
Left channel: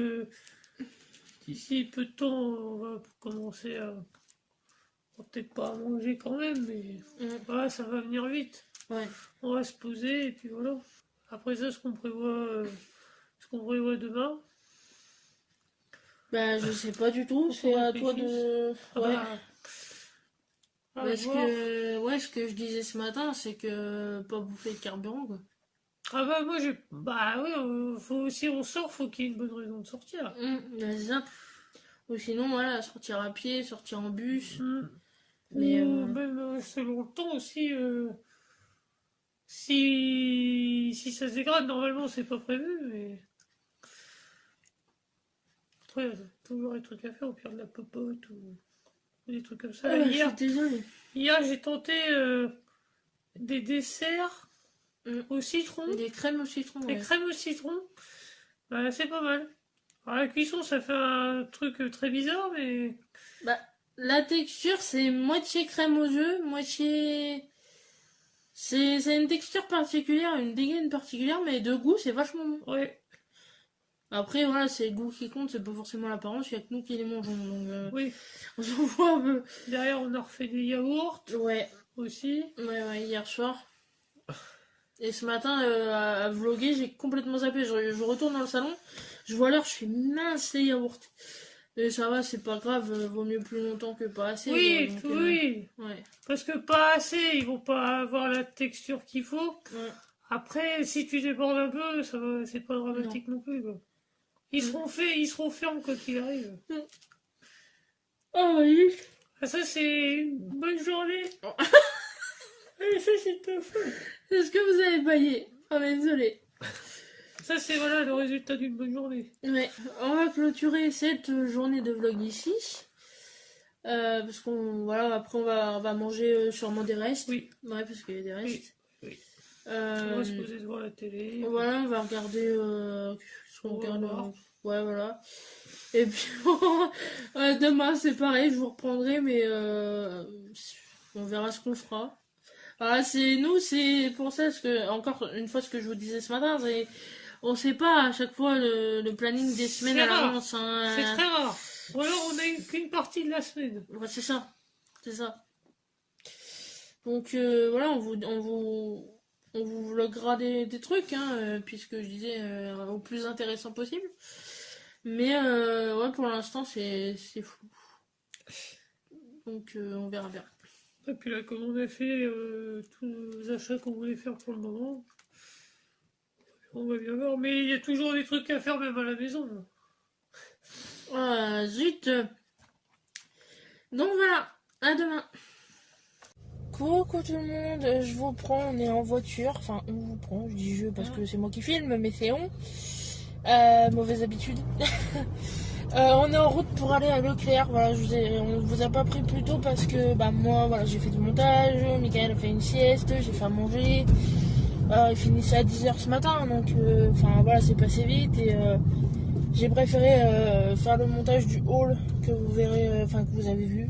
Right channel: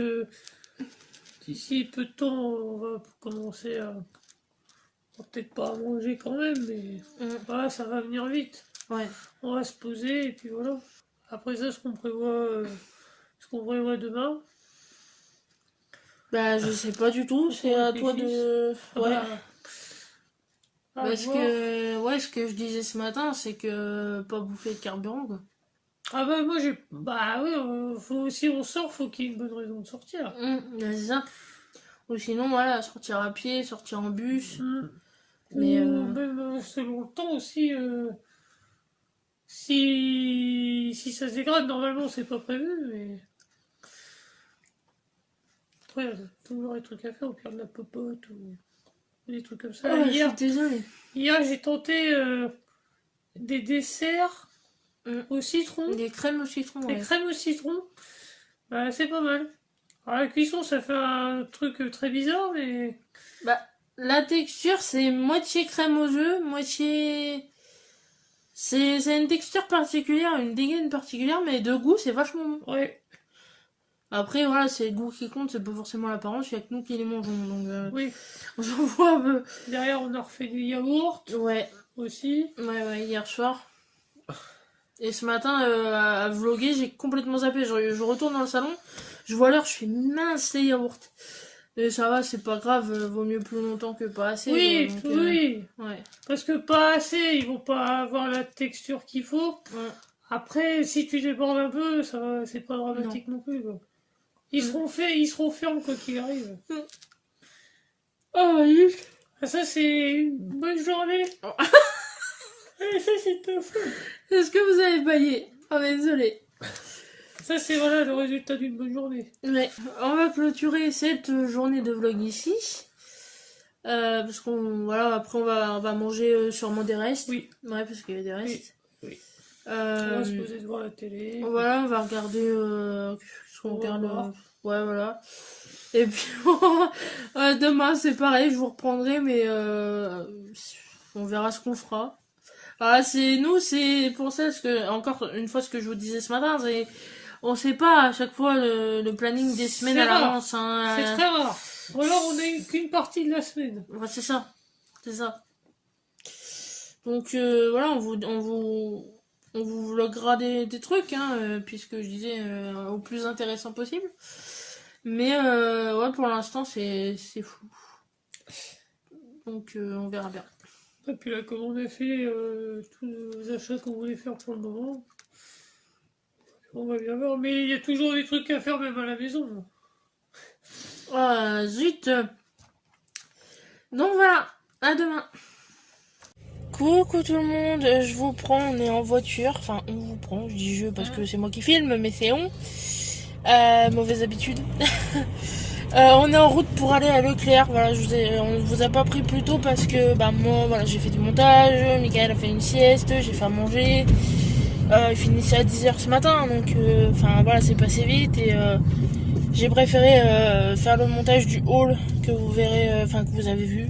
peu de temps, on va commencer à peut-être pas à manger quand même, mais voilà, ça va venir vite. Ouais. On va se poser et puis voilà. Après ça, ce qu'on prévoit demain. Bah, je sais pas du tout, Faut c'est qu'on à toi de. réfléchisse. Ouais. À Parce voir. que, ouais, ce que je disais ce matin, c'est que pas bouffer de carburant, quoi. Ah bah moi j'ai. Bah oui, si on sort, faut qu'il y ait une bonne raison de sortir. C'est ça. Ou sinon, voilà, sortir à pied, sortir en bus. Mais, Ou même selon le temps aussi. Si ça se dégrade, normalement c'est pas prévu, mais. Après, il y a toujours des trucs à faire, au pire de la popote ou des trucs comme ça. je suis désolée. Hier j'ai tenté des desserts au citron. Des crèmes au citron, Des ouais. crèmes au citron, bah, c'est pas mal. Alors, la cuisson, ça fait un truc très bizarre, mais. Bah, la texture, c'est moitié crème aux œufs, moitié. C'est une texture particulière, une dégaine particulière, mais de goût, c'est vachement bon. Ouais, Après, voilà, c'est le goût qui compte, c'est pas forcément l'apparence, il y a que nous qui les mangeons. Donc, oui. on s'en voit un peu. Derrière, on a refait des yaourts Ouais, aussi. ouais, hier soir. Et ce matin, à vlogger, j'ai complètement zappé. Je retourne dans le salon, je vois l'heure, je fais mince les yaourts. Et ça va, c'est pas grave, vaut mieux plus longtemps que pas assez. Oui, donc, oui. ouais. Parce que pas assez, ils vont pas avoir la texture qu'il faut. Ouais. Après, si tu débordes un peu, ça va, c'est pas dramatique non plus, quoi. Ils seront fermes quoi qu'il arrive. Oh oui. Ah, ça, c'est une bonne journée. Ah, ça, c'est top. Est-ce que vous avez baillé? Oh, désolé. Ça, c'est voilà le résultat d'une bonne journée. Ouais, on va clôturer cette journée de vlog ici. Parce qu'on voilà, après on va manger sûrement des restes. Oui. Ouais, parce qu'il y a des restes. Oui. On va se Euh, poser devant la télé. voilà, on va regarder ce qu'on On va regarde. voir. Ouais, voilà. Et puis demain c'est pareil, je vous reprendrai, mais on verra ce qu'on fera. Voilà, c'est pour ça, parce que encore une fois ce que je vous disais ce matin, c'est on sait pas à chaque fois le planning des semaines C'est à rare. l'avance. Hein. C'est très rare. Ou alors on n'a qu'une partie de la semaine. Ouais, c'est ça. C'est ça. Donc voilà, on vous vloguera des trucs, hein, puisque je disais au plus intéressant possible. Mais ouais, pour l'instant, c'est flou. Donc on verra bien. Et puis là, comme on a fait tous les achats qu'on voulait faire pour le moment, on va bien voir. Mais il y a toujours des trucs à faire même à la maison. Ah, zut. Donc voilà, à demain. Coucou tout le monde, je vous prends, on est en voiture, enfin on vous prend, je dis je parce que c'est moi qui filme, mais c'est on. Mauvaise habitude. On est en route pour aller à Leclerc, voilà, on vous a pas pris plus tôt parce que bah, moi voilà, j'ai fait du montage, Michael a fait une sieste, j'ai fait à manger. Il finissait à 10h ce matin, donc enfin voilà, c'est passé vite et j'ai préféré faire le montage du haul que vous verrez, enfin que vous avez vu.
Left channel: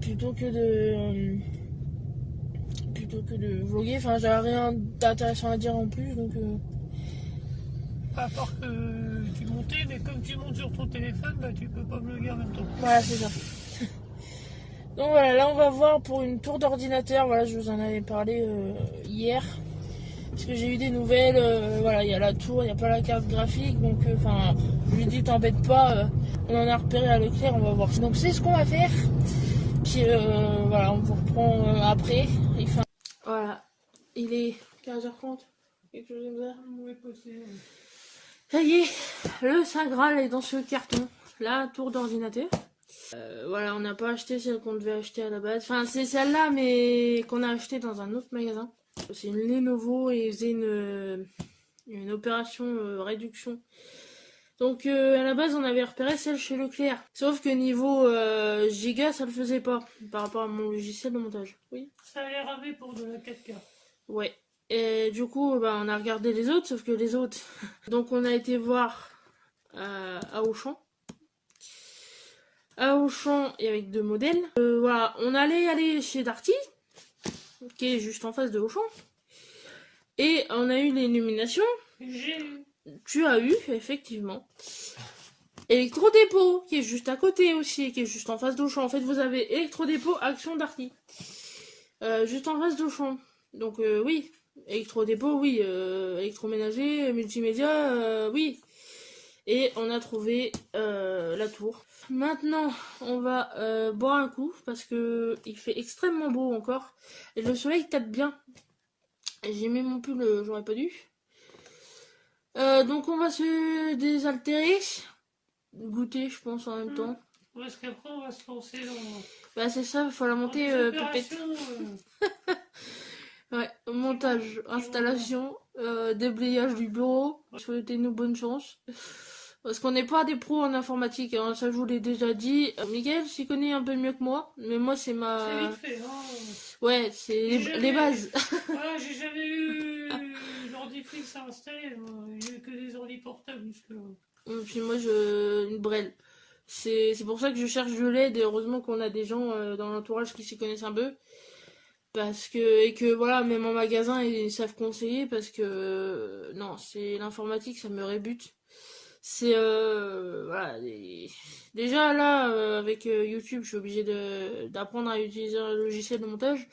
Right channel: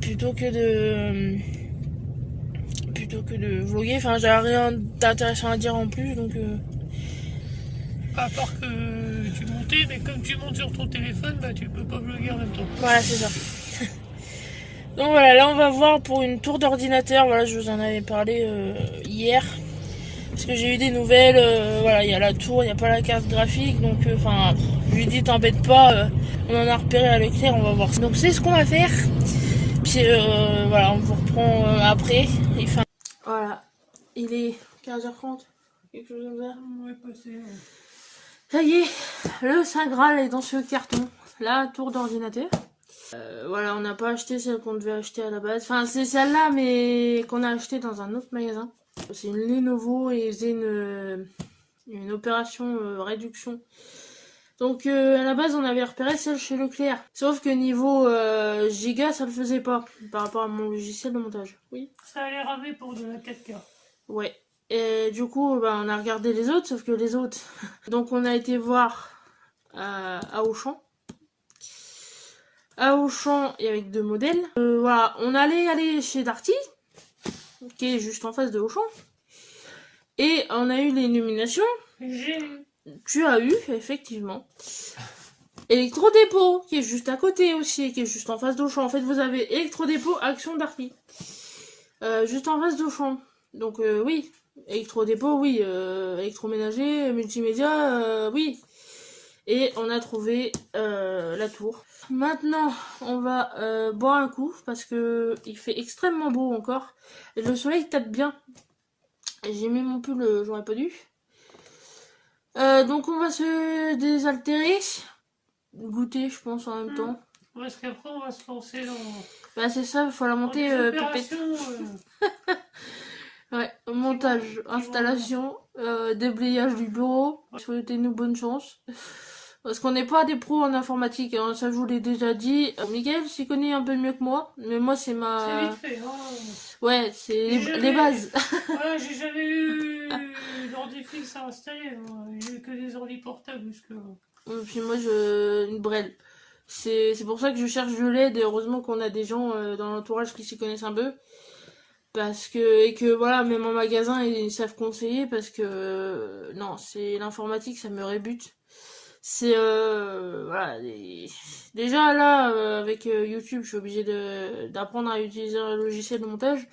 Plutôt que de vlogger, enfin j'ai rien d'intéressant à dire en plus, donc À part que tu montais, mais comme tu montes sur ton téléphone, bah tu peux pas vlogger en même temps. voilà, c'est ça. Donc voilà, là on va voir pour une tour d'ordinateur, voilà, je vous en avais parlé hier, parce que j'ai eu des nouvelles, voilà, il y a la tour, il n'y a pas la carte graphique, donc enfin, je lui ai dit t'embête pas, on en a repéré à Leclerc, on va voir. Donc c'est ce qu'on va faire, puis voilà, on vous reprend après. Voilà, il est 15h30, quelque chose comme ça. Ouais, passé. Ça y est, le Saint Graal est dans ce carton, la tour d'ordinateur. Voilà, on n'a pas acheté celle qu'on devait acheter à la base. Enfin, c'est celle-là, mais qu'on a acheté dans un autre magasin. C'est une Lenovo et ils faisaient une opération réduction. Donc, à la base, on avait repéré celle chez Leclerc. Sauf que niveau giga, ça le faisait pas par rapport à mon logiciel de montage. Oui. Ça allait ramer pour de la 4K. Ouais. Et du coup, bah, on a regardé les autres, sauf que les autres... Donc, on a été voir à Auchan. À Auchan, il y avait 2 modèles. Voilà, on allait aller chez Darty, qui est juste en face de Auchan. Et on a eu les nominations. Tu as eu, effectivement. Electrodépôt, qui est juste à côté aussi, qui est juste en face d'Auchan. En fait, vous avez Electrodépôt, Action, Darty. juste en face d'Auchan. Donc oui, électrodépôt, oui, électroménager, multimédia, oui. Et on a trouvé la tour. Maintenant, on va boire un coup parce que il fait extrêmement beau encore. Et le soleil tape bien. J'ai mis mon pull, j'aurais pas dû. Donc on va se désaltérer. Goûter, je pense, en même temps. Parce qu'après, on va se lancer dans Bah c'est ça, il faut la monter des pépette. opérations. Ouais, montage, installation, déblayage du bureau. Souhaitez-nous bonne chance. Parce qu'on n'est pas des pros en informatique, hein, ça je vous l'ai déjà dit. Miguel s'y connaît un peu mieux que moi, mais moi c'est C'est ma... vite fait, hein. Ouais, c'est Et les bases. Voilà, j'ai jamais eu d'ordi fixe à installer. J'ai eu que des ordi portables jusque-là. Et puis moi, une brêle. C'est pour ça que je cherche de l'aide. Heureusement qu'on a des gens dans l'entourage qui s'y connaissent un peu. Parce que, et que voilà, même en magasin, ils savent conseiller. Parce que, non, c'est l'informatique, ça me rébute. C'est, voilà. Déjà là, avec YouTube, je suis obligée d'apprendre à utiliser un logiciel de montage.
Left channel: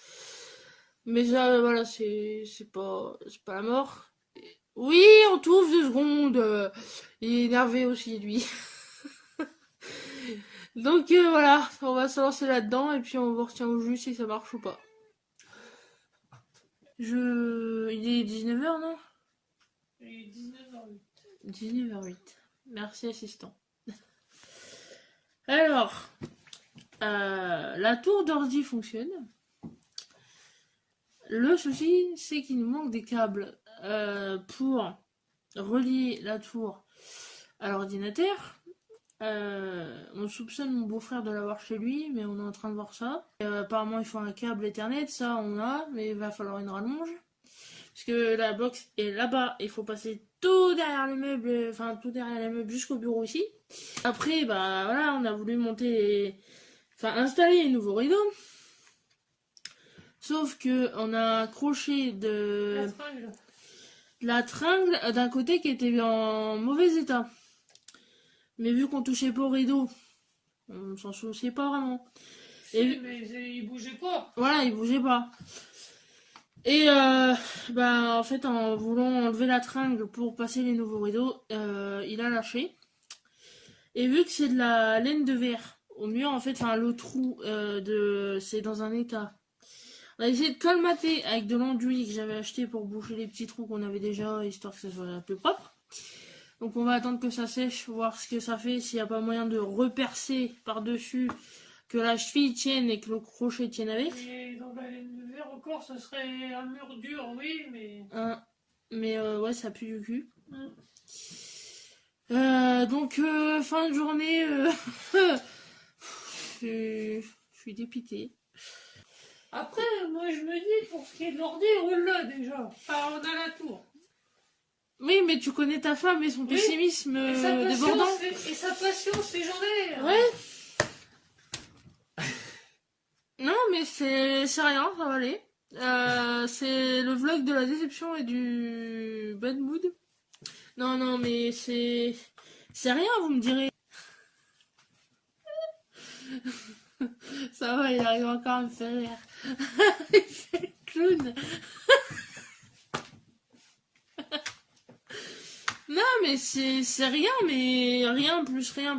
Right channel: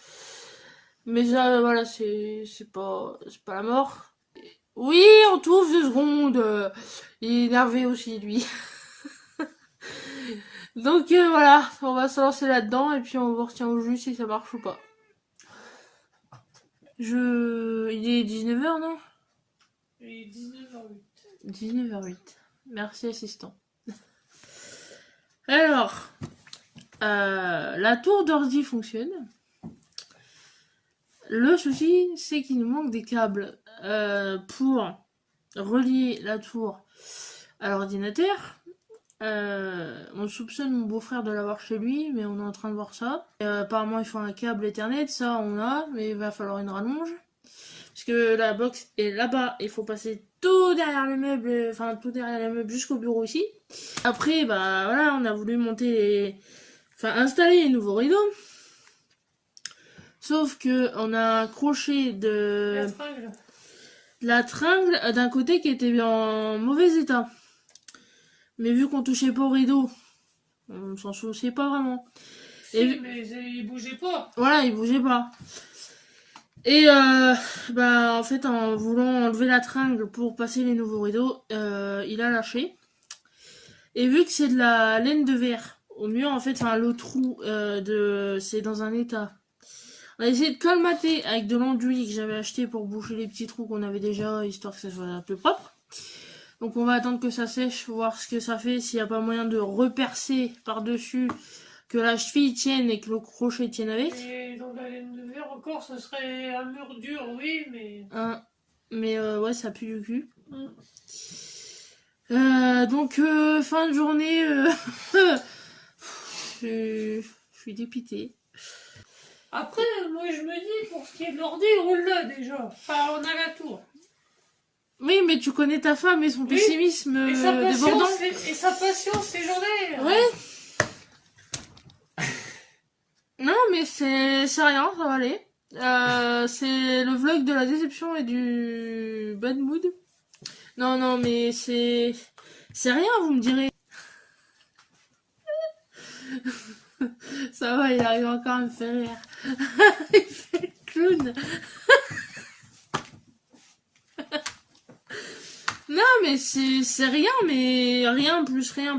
Mais ça, voilà, c'est pas la mort. Oui, on trouve 2 secondes. Il est énervé aussi, lui. Donc voilà, on va se lancer là-dedans et puis on vous retient au jus si ça marche ou pas. Il est 19h, non? Il est 19h08. 19h08. Merci, assistant. Alors, la tour d'ordi fonctionne. Le souci, c'est qu'il nous manque des câbles pour relier la tour à l'ordinateur. On soupçonne mon beau-frère de l'avoir chez lui, mais on est en train de voir ça. Apparemment, il faut un câble Ethernet, ça on a, mais il va falloir une rallonge. Parce que la box est là-bas, il faut passer tout derrière le meuble, enfin tout derrière le meuble jusqu'au bureau ici. Après, bah voilà, on a voulu installer les nouveaux rideaux. Sauf que on a accroché la tringle d'un côté qui était en mauvais état. Mais vu qu'on touchait pas au rideau, on s'en souciait pas vraiment. Mais il bougeait pas. Voilà, il bougeait pas. Et en fait, en voulant enlever la tringle pour passer les nouveaux rideaux, il a lâché. Et vu que c'est de la laine de verre, au mieux en fait, le trou c'est dans un état. On a essayé de colmater avec de l'enduit que j'avais acheté pour boucher les petits trous qu'on avait déjà, histoire que ça soit un peu propre. Donc on va attendre que ça sèche, voir ce que ça fait, s'il n'y a pas moyen de repercer par-dessus, que la cheville tienne et que le crochet tienne avec. Et dans la laine de verre encore, ce serait un mur dur, oui, mais... Ouais, ça pue du cul. Donc fin de journée, je suis dépitée. Après, moi je me dis, pour ce qui est de l'ordi, roule là déjà. Enfin, on a la tour. Oui, mais tu connais ta femme et son pessimisme Et sa débordant. patience légendaire. Ouais. Non, mais c'est rien, ça va aller. C'est le vlog de la déception et du bad mood. Non, mais c'est rien, vous me direz. Ça va, il arrive encore à me faire rire. Il fait le clown. Non, mais c'est rien, mais rien plus rien,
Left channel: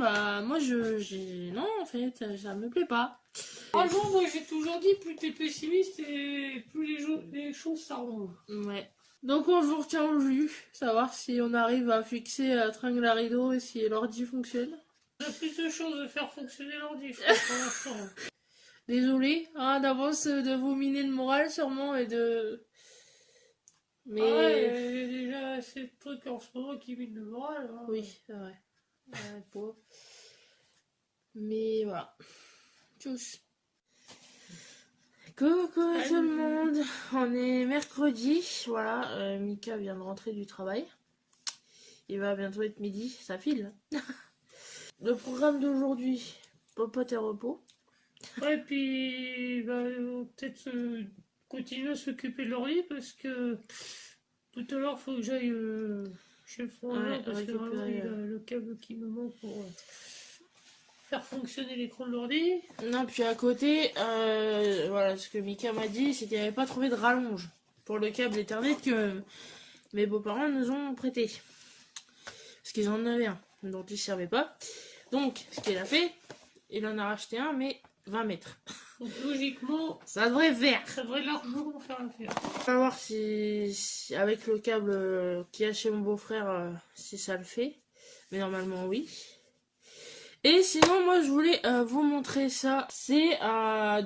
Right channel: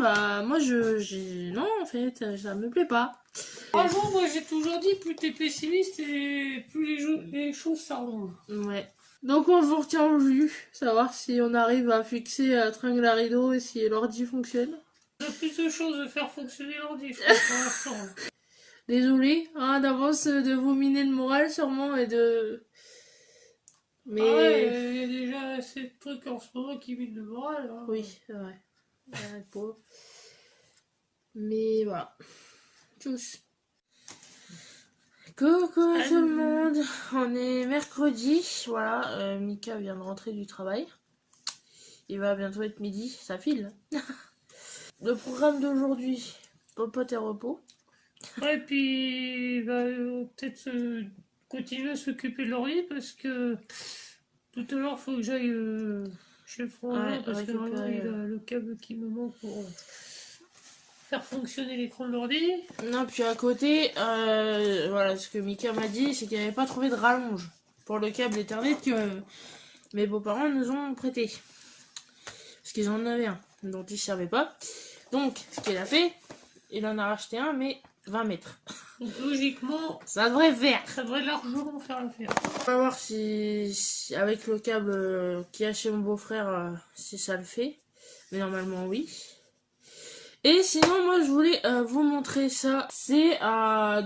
bah moi non, en fait, ça me plaît pas. Franchement, moi j'ai toujours dit, plus t'es pessimiste et plus les choses s'arrangent. Ouais. Donc on vous retient au jus, savoir si on arrive à fixer la tringle à rideau et si l'ordi fonctionne. Il y a plus de choses de faire fonctionner l'ordi, je crois, pour l'instant. Désolée d'avance de vous miner le moral sûrement et de... Mais... Ah ouais, il y a déjà assez de trucs en ce moment qui minent le moral. Hein. Oui, c'est vrai. Mais voilà. Tous. Coucou tout le monde. On est mercredi. Voilà, Mika vient de rentrer du travail. Il va bientôt être midi. Ça file. Le programme d'aujourd'hui, popote et repos. Ouais, et puis il va peut-être continuer à s'occuper de l'ordi parce que tout à l'heure il faut que j'aille chez le frangin parce que vraiment il a le câble qui me manque pour faire fonctionner l'écran de l'ordi. Non, puis à côté, voilà, ce que Mika m'a dit, c'est qu'il n'avait pas trouvé de rallonge pour le câble Ethernet que mes beaux-parents nous ont prêté. Parce qu'ils en avaient un, dont ils ne servaient pas. Donc, ce qu'il a fait, il en a racheté un, mais 20 mètres. Donc logiquement, Ça devrait faire. ça devrait largement faire l'affaire. On va voir si avec le câble qu'il y a chez mon beau-frère, si ça le fait. Mais normalement, oui. Et sinon, moi, je voulais vous montrer ça. C'est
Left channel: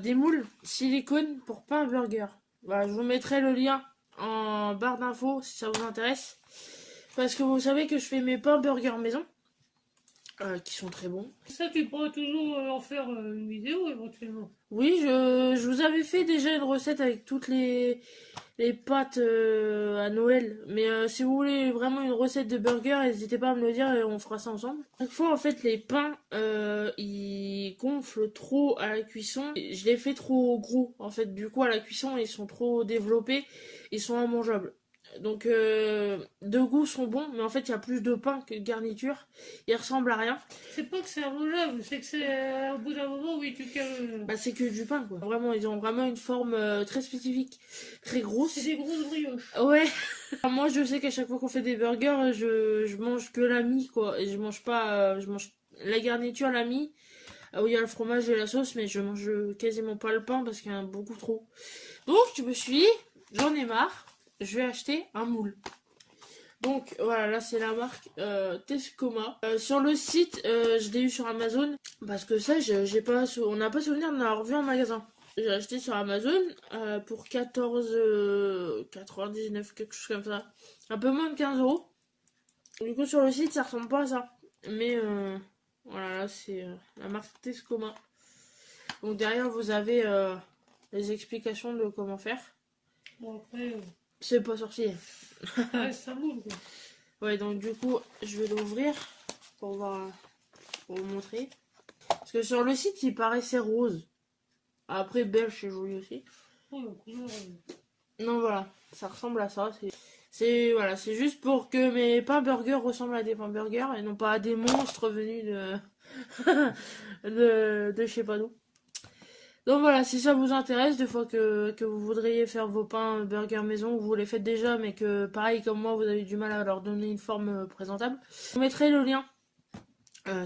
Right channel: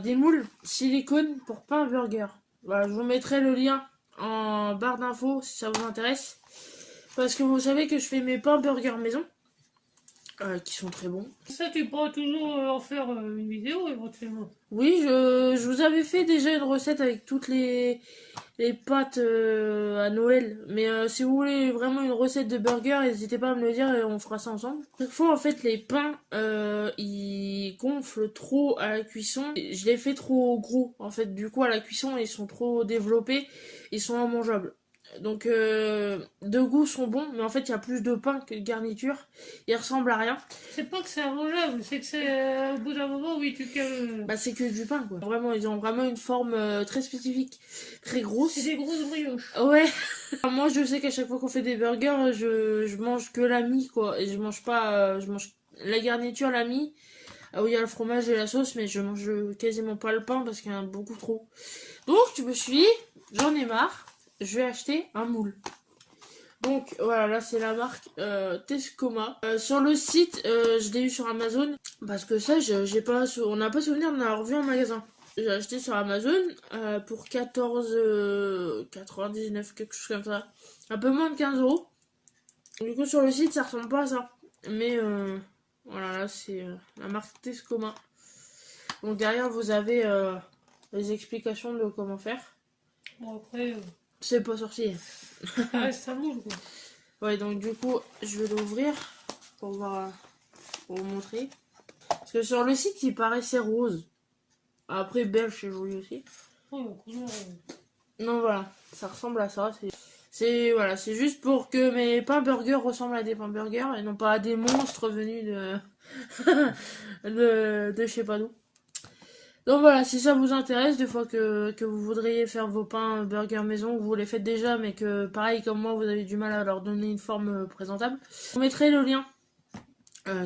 des moules silicone pour pain burger. Voilà, je vous mettrai le lien en barre d'infos si ça vous intéresse. Parce que vous savez que je fais mes pains burger maison. Qui sont très bons. Ça, tu pourras toujours en faire une vidéo éventuellement. Oui, je vous avais fait déjà une recette avec toutes les pâtes à Noël. Mais si vous voulez vraiment une recette de burger, n'hésitez pas à me le dire et on fera ça ensemble. Chaque fois, en fait, les pains, ils gonflent trop à la cuisson. Je les fais trop gros. En fait, du coup, à la cuisson, ils sont trop développés. Ils sont immangeables. Donc, de goût sont bons, mais en fait, il y a plus de pain que de garniture. Ils ressemblent à rien. C'est pas que c'est immangeable, c'est que c'est au bout d'un moment, oui, tu que. Bah, c'est que du pain, quoi. Vraiment, ils ont vraiment une forme très spécifique, très grosse. C'est des grosses brioches. Ouais. Moi, je sais qu'à chaque fois qu'on fait des burgers, je mange que la mie, quoi. Et je mange pas. Je mange la garniture, la mie. Où il y a le fromage et la sauce, mais je mange quasiment pas le pain parce qu'il y en a beaucoup trop. Donc, tu me suis, j'en ai marre. Je vais acheter un moule. Donc voilà, là c'est la marque Tescoma. Sur le site, je l'ai eu sur Amazon. Parce que ça, j'ai pas, on n'a pas souvenir de l'avoir vu en magasin. J'ai acheté sur Amazon pour 14,99, quelque chose comme ça. Un peu moins de 15 euros. Du coup, sur le site, ça ressemble pas à ça. Mais voilà, là c'est la marque Tescoma. Donc derrière, vous avez les explications de comment faire. Bon, après, C'est pas sorcier. ça reste un moule, quoi. Ouais, donc du coup, je vais l'ouvrir pour voir, pour vous montrer. Parce que sur le site, il paraissait rose. Après, beige, c'est joli aussi. Oh, la couleur, Non, voilà, ça ressemble à ça. Voilà, c'est juste pour que mes pains burgers ressemblent à des pains burgers et non pas à des monstres venus de je sais pas d'où. Donc voilà, si ça vous intéresse, des fois que vous voudriez faire vos pains burger maison, que vous les faites déjà, mais que pareil comme moi, vous avez du mal à leur donner une forme présentable, je vous mettrai le lien.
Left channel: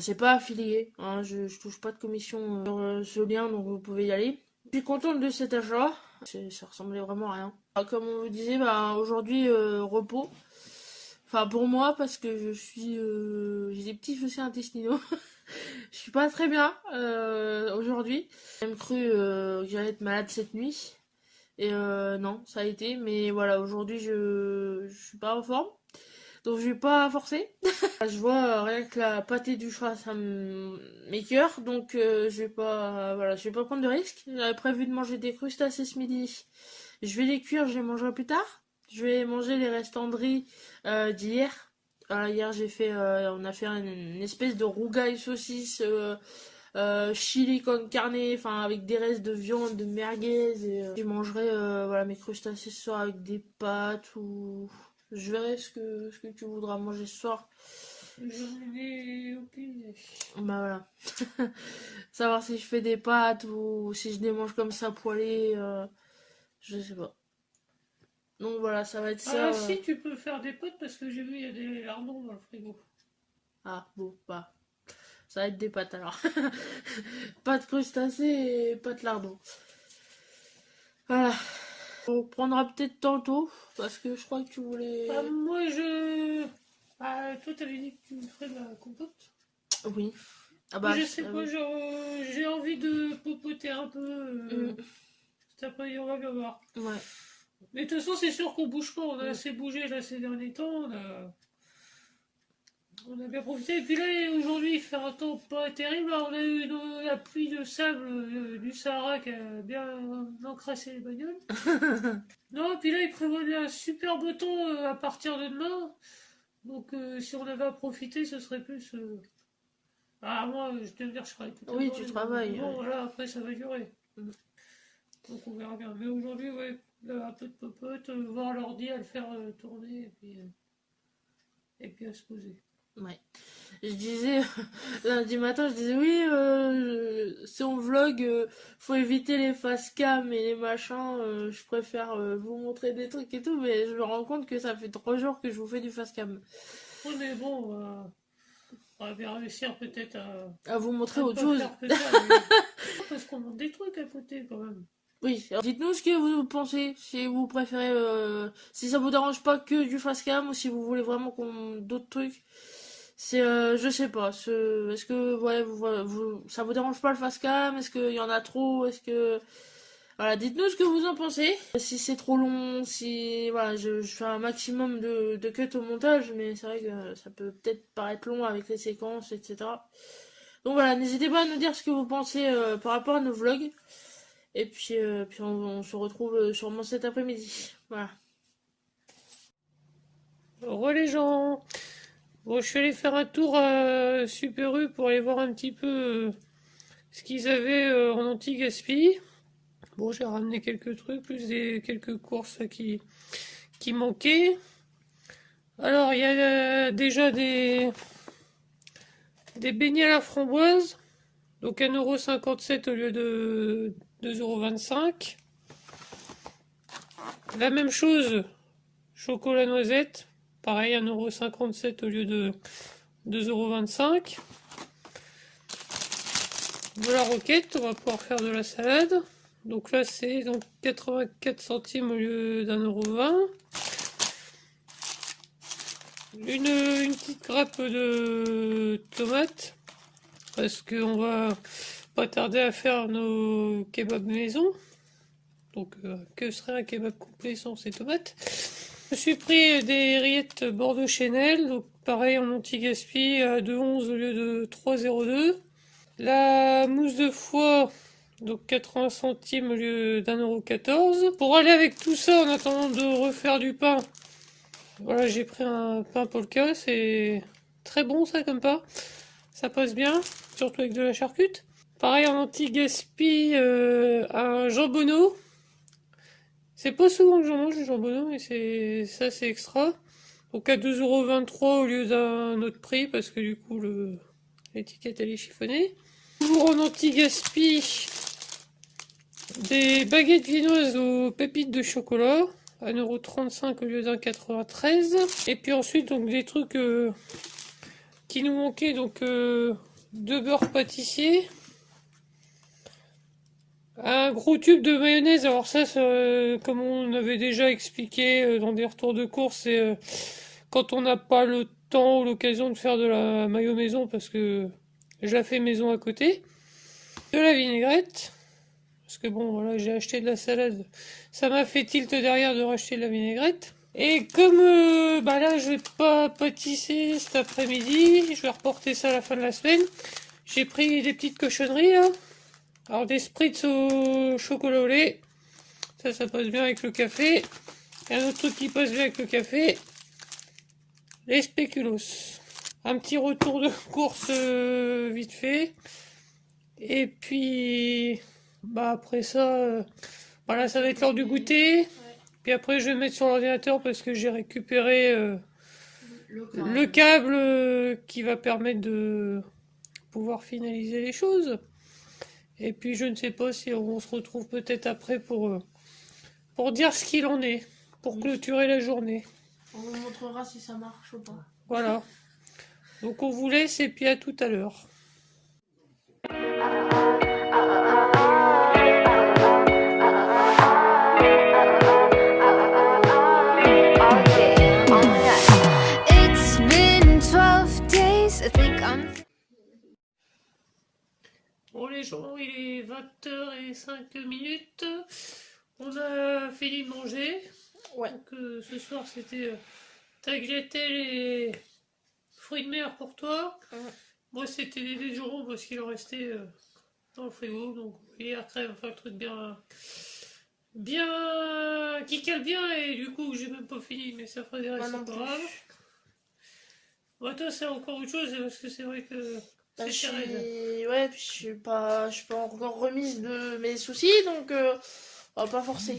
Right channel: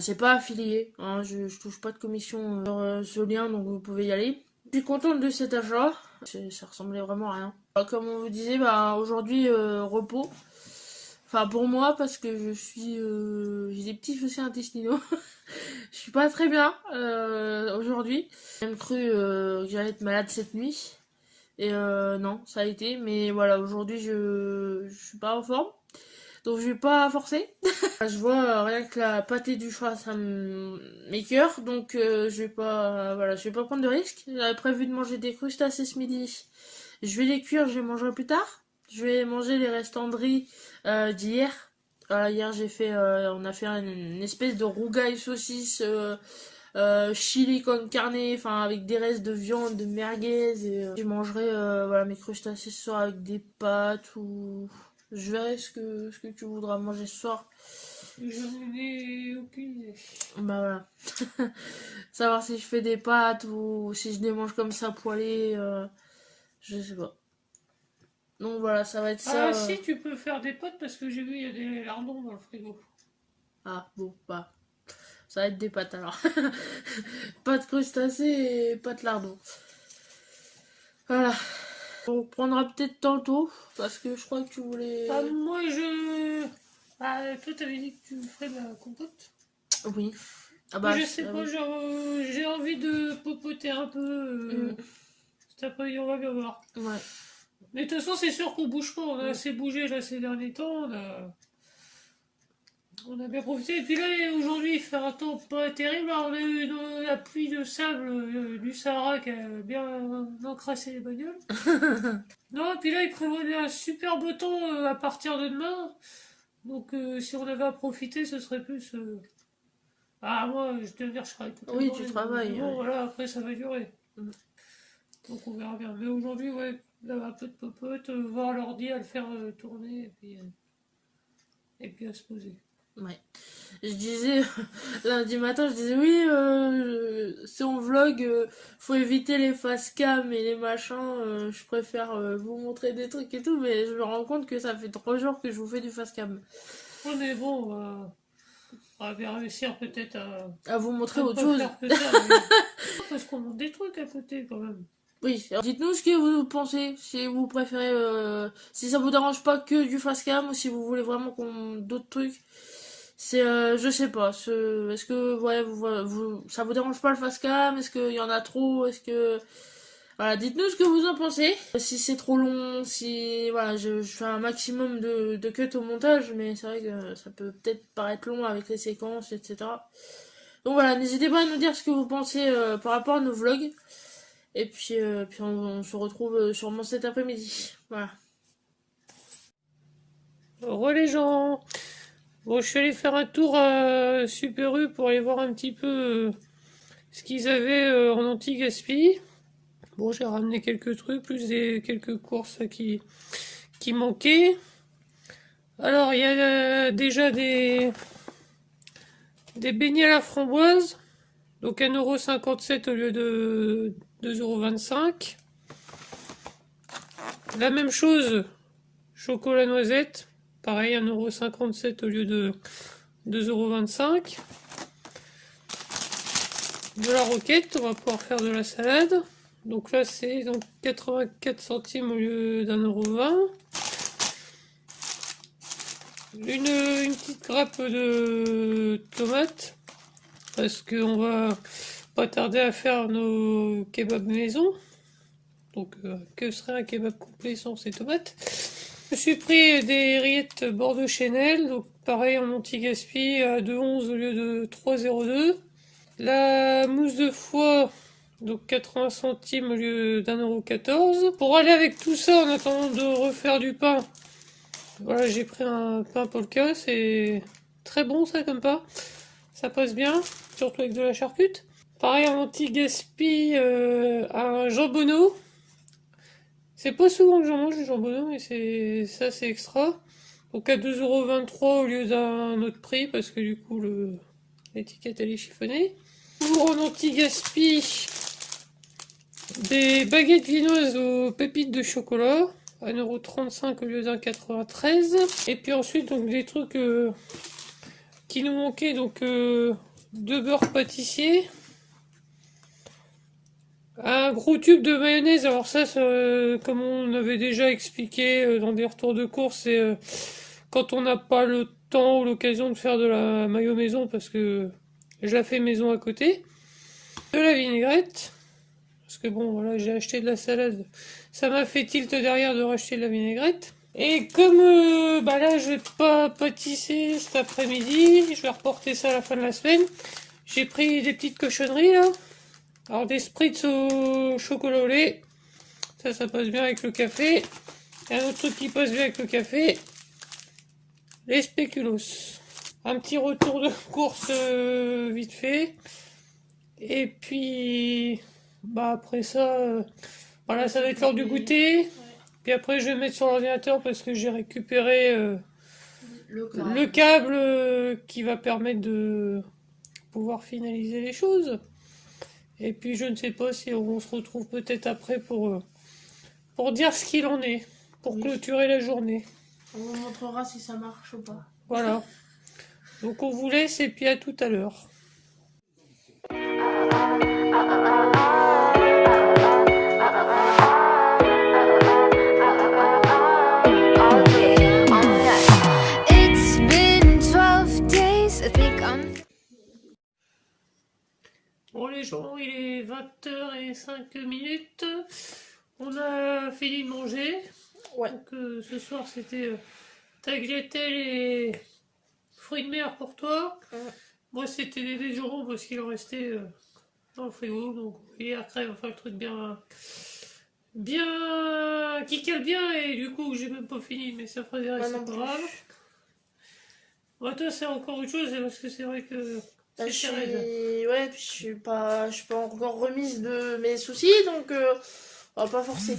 C'est pas affilié, hein, je touche pas de commission sur ce lien, donc vous pouvez y aller. Je suis contente de cet achat, ça ressemblait vraiment à rien. Comme on vous disait, aujourd'hui repos. Enfin pour moi parce que j'ai des petits soucis intestinaux. Je suis pas très bien aujourd'hui. J'ai même cru que j'allais être malade cette nuit. Et non, ça a été. Mais voilà, aujourd'hui je suis pas en forme. Donc je vais pas forcer. Je vois rien que la pâtée du chat, ça m'écoeure. Donc je vais pas prendre de risque. J'avais prévu de manger des crustacés ce midi. Je vais les cuire, je les mangerai plus tard. Je vais manger les restants de riz d'hier. Hier on a fait une espèce de rougail saucisse chili con carne, enfin avec des restes de viande, de merguez. Et, je mangerai mes crustacés ce soir avec des pâtes ou je verrai ce que tu voudras manger ce soir. j'en ai aucune idée. Bah voilà. Savoir si je fais des pâtes ou si je les mange comme ça poêlées, je sais pas. Donc voilà, ça va être ça. Ah si, tu peux faire des pâtes parce que j'ai vu, il y a des lardons dans le frigo. Ah bon, bah. Ça va être des pâtes alors. Pâtes crustacés et pâtes lardons. Voilà. On prendra peut-être tantôt parce que je crois que tu voulais. Ah, moi je. Ah, toi t'avais dit que tu ferais de la compote. Oui. Ah Moi, je sais pas, j'ai envie de popoter un peu. Cet après-midi, on va bien voir. Ouais. Mais de toute façon, c'est sûr qu'on bouge pas. On a assez bougé là ces derniers temps. On a bien profité. Et puis là, aujourd'hui, il fait un temps pas terrible. Alors, on a eu la pluie de sable du Sahara qui a bien encrassé les bagnoles. Non, et puis là, il prévoit un super beau temps à partir de demain. Donc, si on avait à profiter, ce serait plus. Ah, moi, je te dire, je travaille toute la Oui, journée, tu travailles. donc, bon, Ouais. voilà, après, ça va durer. Donc, on verra bien. Mais aujourd'hui, ouais, là, un peu de popote, voir l'ordi à le faire tourner, et puis à se poser. Ouais. je disais, lundi matin, je disais, oui, c'est en vlog, faut éviter les face cam et les machins, je préfère vous montrer des trucs et tout, mais je me rends compte que ça fait 3 jours que je vous fais du face cam. Ouais, mais bon, on va bien réussir peut-être À vous montrer à autre pas chose. faire que ça. Parce qu'on monte des trucs à côté quand même. Oui, alors dites-nous ce que vous pensez, si vous préférez, si ça vous dérange pas que du face cam ou si vous voulez vraiment qu'on d'autres trucs. C'est, je sais pas, est-ce que ouais, ça vous dérange pas le face cam? Est-ce qu'il y en a trop? Est-ce que voilà, dites-nous ce que vous en pensez. Si c'est trop long, si voilà, je fais un maximum de cuts au montage, mais c'est vrai que ça peut peut-être paraître long avec les séquences, etc. Donc voilà, n'hésitez pas à nous dire ce que vous pensez par rapport à nos vlogs. Et puis on se retrouve sûrement cet après-midi. Voilà. Au revoir les gens. Bon, je suis allé faire un tour à Super U pour aller voir un petit peu ce qu'ils avaient en anti-gaspi. Bon, j'ai ramené quelques trucs, plus quelques courses qui manquaient. Alors, il y a déjà des beignets à la framboise. Donc 1,57 € au lieu de 2,25 €. La même chose, chocolat noisette. Pareil, 1,57 € au lieu de 2,25 €. De la roquette, on va pouvoir faire de la salade. Donc là, c'est donc 84 centimes au lieu d'1,20 €. Une petite grappe de tomates. Parce qu'on va pas tarder à faire nos kebabs maison. Donc, que serait un kebab complet sans ces tomates? Je suis pris des rillettes Bordeaux Chanel. Donc, pareil en anti-gaspi à 2,11 € au lieu de 3,02 €. La mousse de foie, donc 80 centimes au lieu d'1,14 €. Pour aller avec tout ça, en attendant de refaire du pain, voilà, j'ai pris un pain Polka. C'est très bon ça comme pain. Ça passe bien, surtout avec de la charcute. Pareil en anti-gaspi, un jambonneau. C'est pas souvent que j'en mange du jambonneau, mais c'est extra. Donc à 2,23 € au lieu d'un autre prix, parce que du coup l'étiquette elle est chiffonnée. Toujours en anti-gaspi, des baguettes viennoises aux pépites de chocolat. 1,35 € au lieu d'1,93 €. Et puis ensuite, donc des trucs qui nous manquaient, donc de beurre pâtissier. Un gros tube de mayonnaise. Alors ça, comme on avait déjà expliqué dans des retours de course, c'est quand on n'a pas le temps ou l'occasion de faire de la mayo maison, parce que je la fais maison à côté. De la vinaigrette. Parce que bon, voilà, j'ai acheté de la salade. Ça m'a fait tilt derrière de racheter de la vinaigrette. Et comme bah là, je vais pas pâtisser cet après-midi, je vais reporter ça à la fin de la semaine. J'ai pris des petites cochonneries là. Alors des spritz au chocolat au lait. Ça passe bien avec le café. Et un autre truc qui passe bien avec le café. Les spéculoos. Un petit retour de course vite fait. Et puis, bah après ça, voilà, ça va être l'heure du goûter. Puis après, je vais mettre sur l'ordinateur parce que j'ai récupéré le câble qui va permettre de pouvoir finaliser les choses. Et puis, je ne sais pas si on se retrouve peut-être après pour dire ce qu'il en est, pour clôturer la journée. On vous montrera si ça marche ou pas. Voilà. Donc, on vous laisse et puis à tout à l'heure. It's been 12 days, I think I'm. Bon les gens, il est 20h05. On a fini de manger. Ouais. Donc ce soir c'était tagliatelle et fruits de mer pour toi. Moi c'était des déjeunerons parce qu'il en restait dans le frigo. Donc et après on va faire le truc bien qui cale bien, et du coup j'ai même pas fini, mais ça fera des restes, c'est pas grave. Moi toi c'est encore autre chose parce que c'est vrai que Bah, c'est raide. ouais, puis je suis pas encore remise de mes soucis, donc on va pas forcer.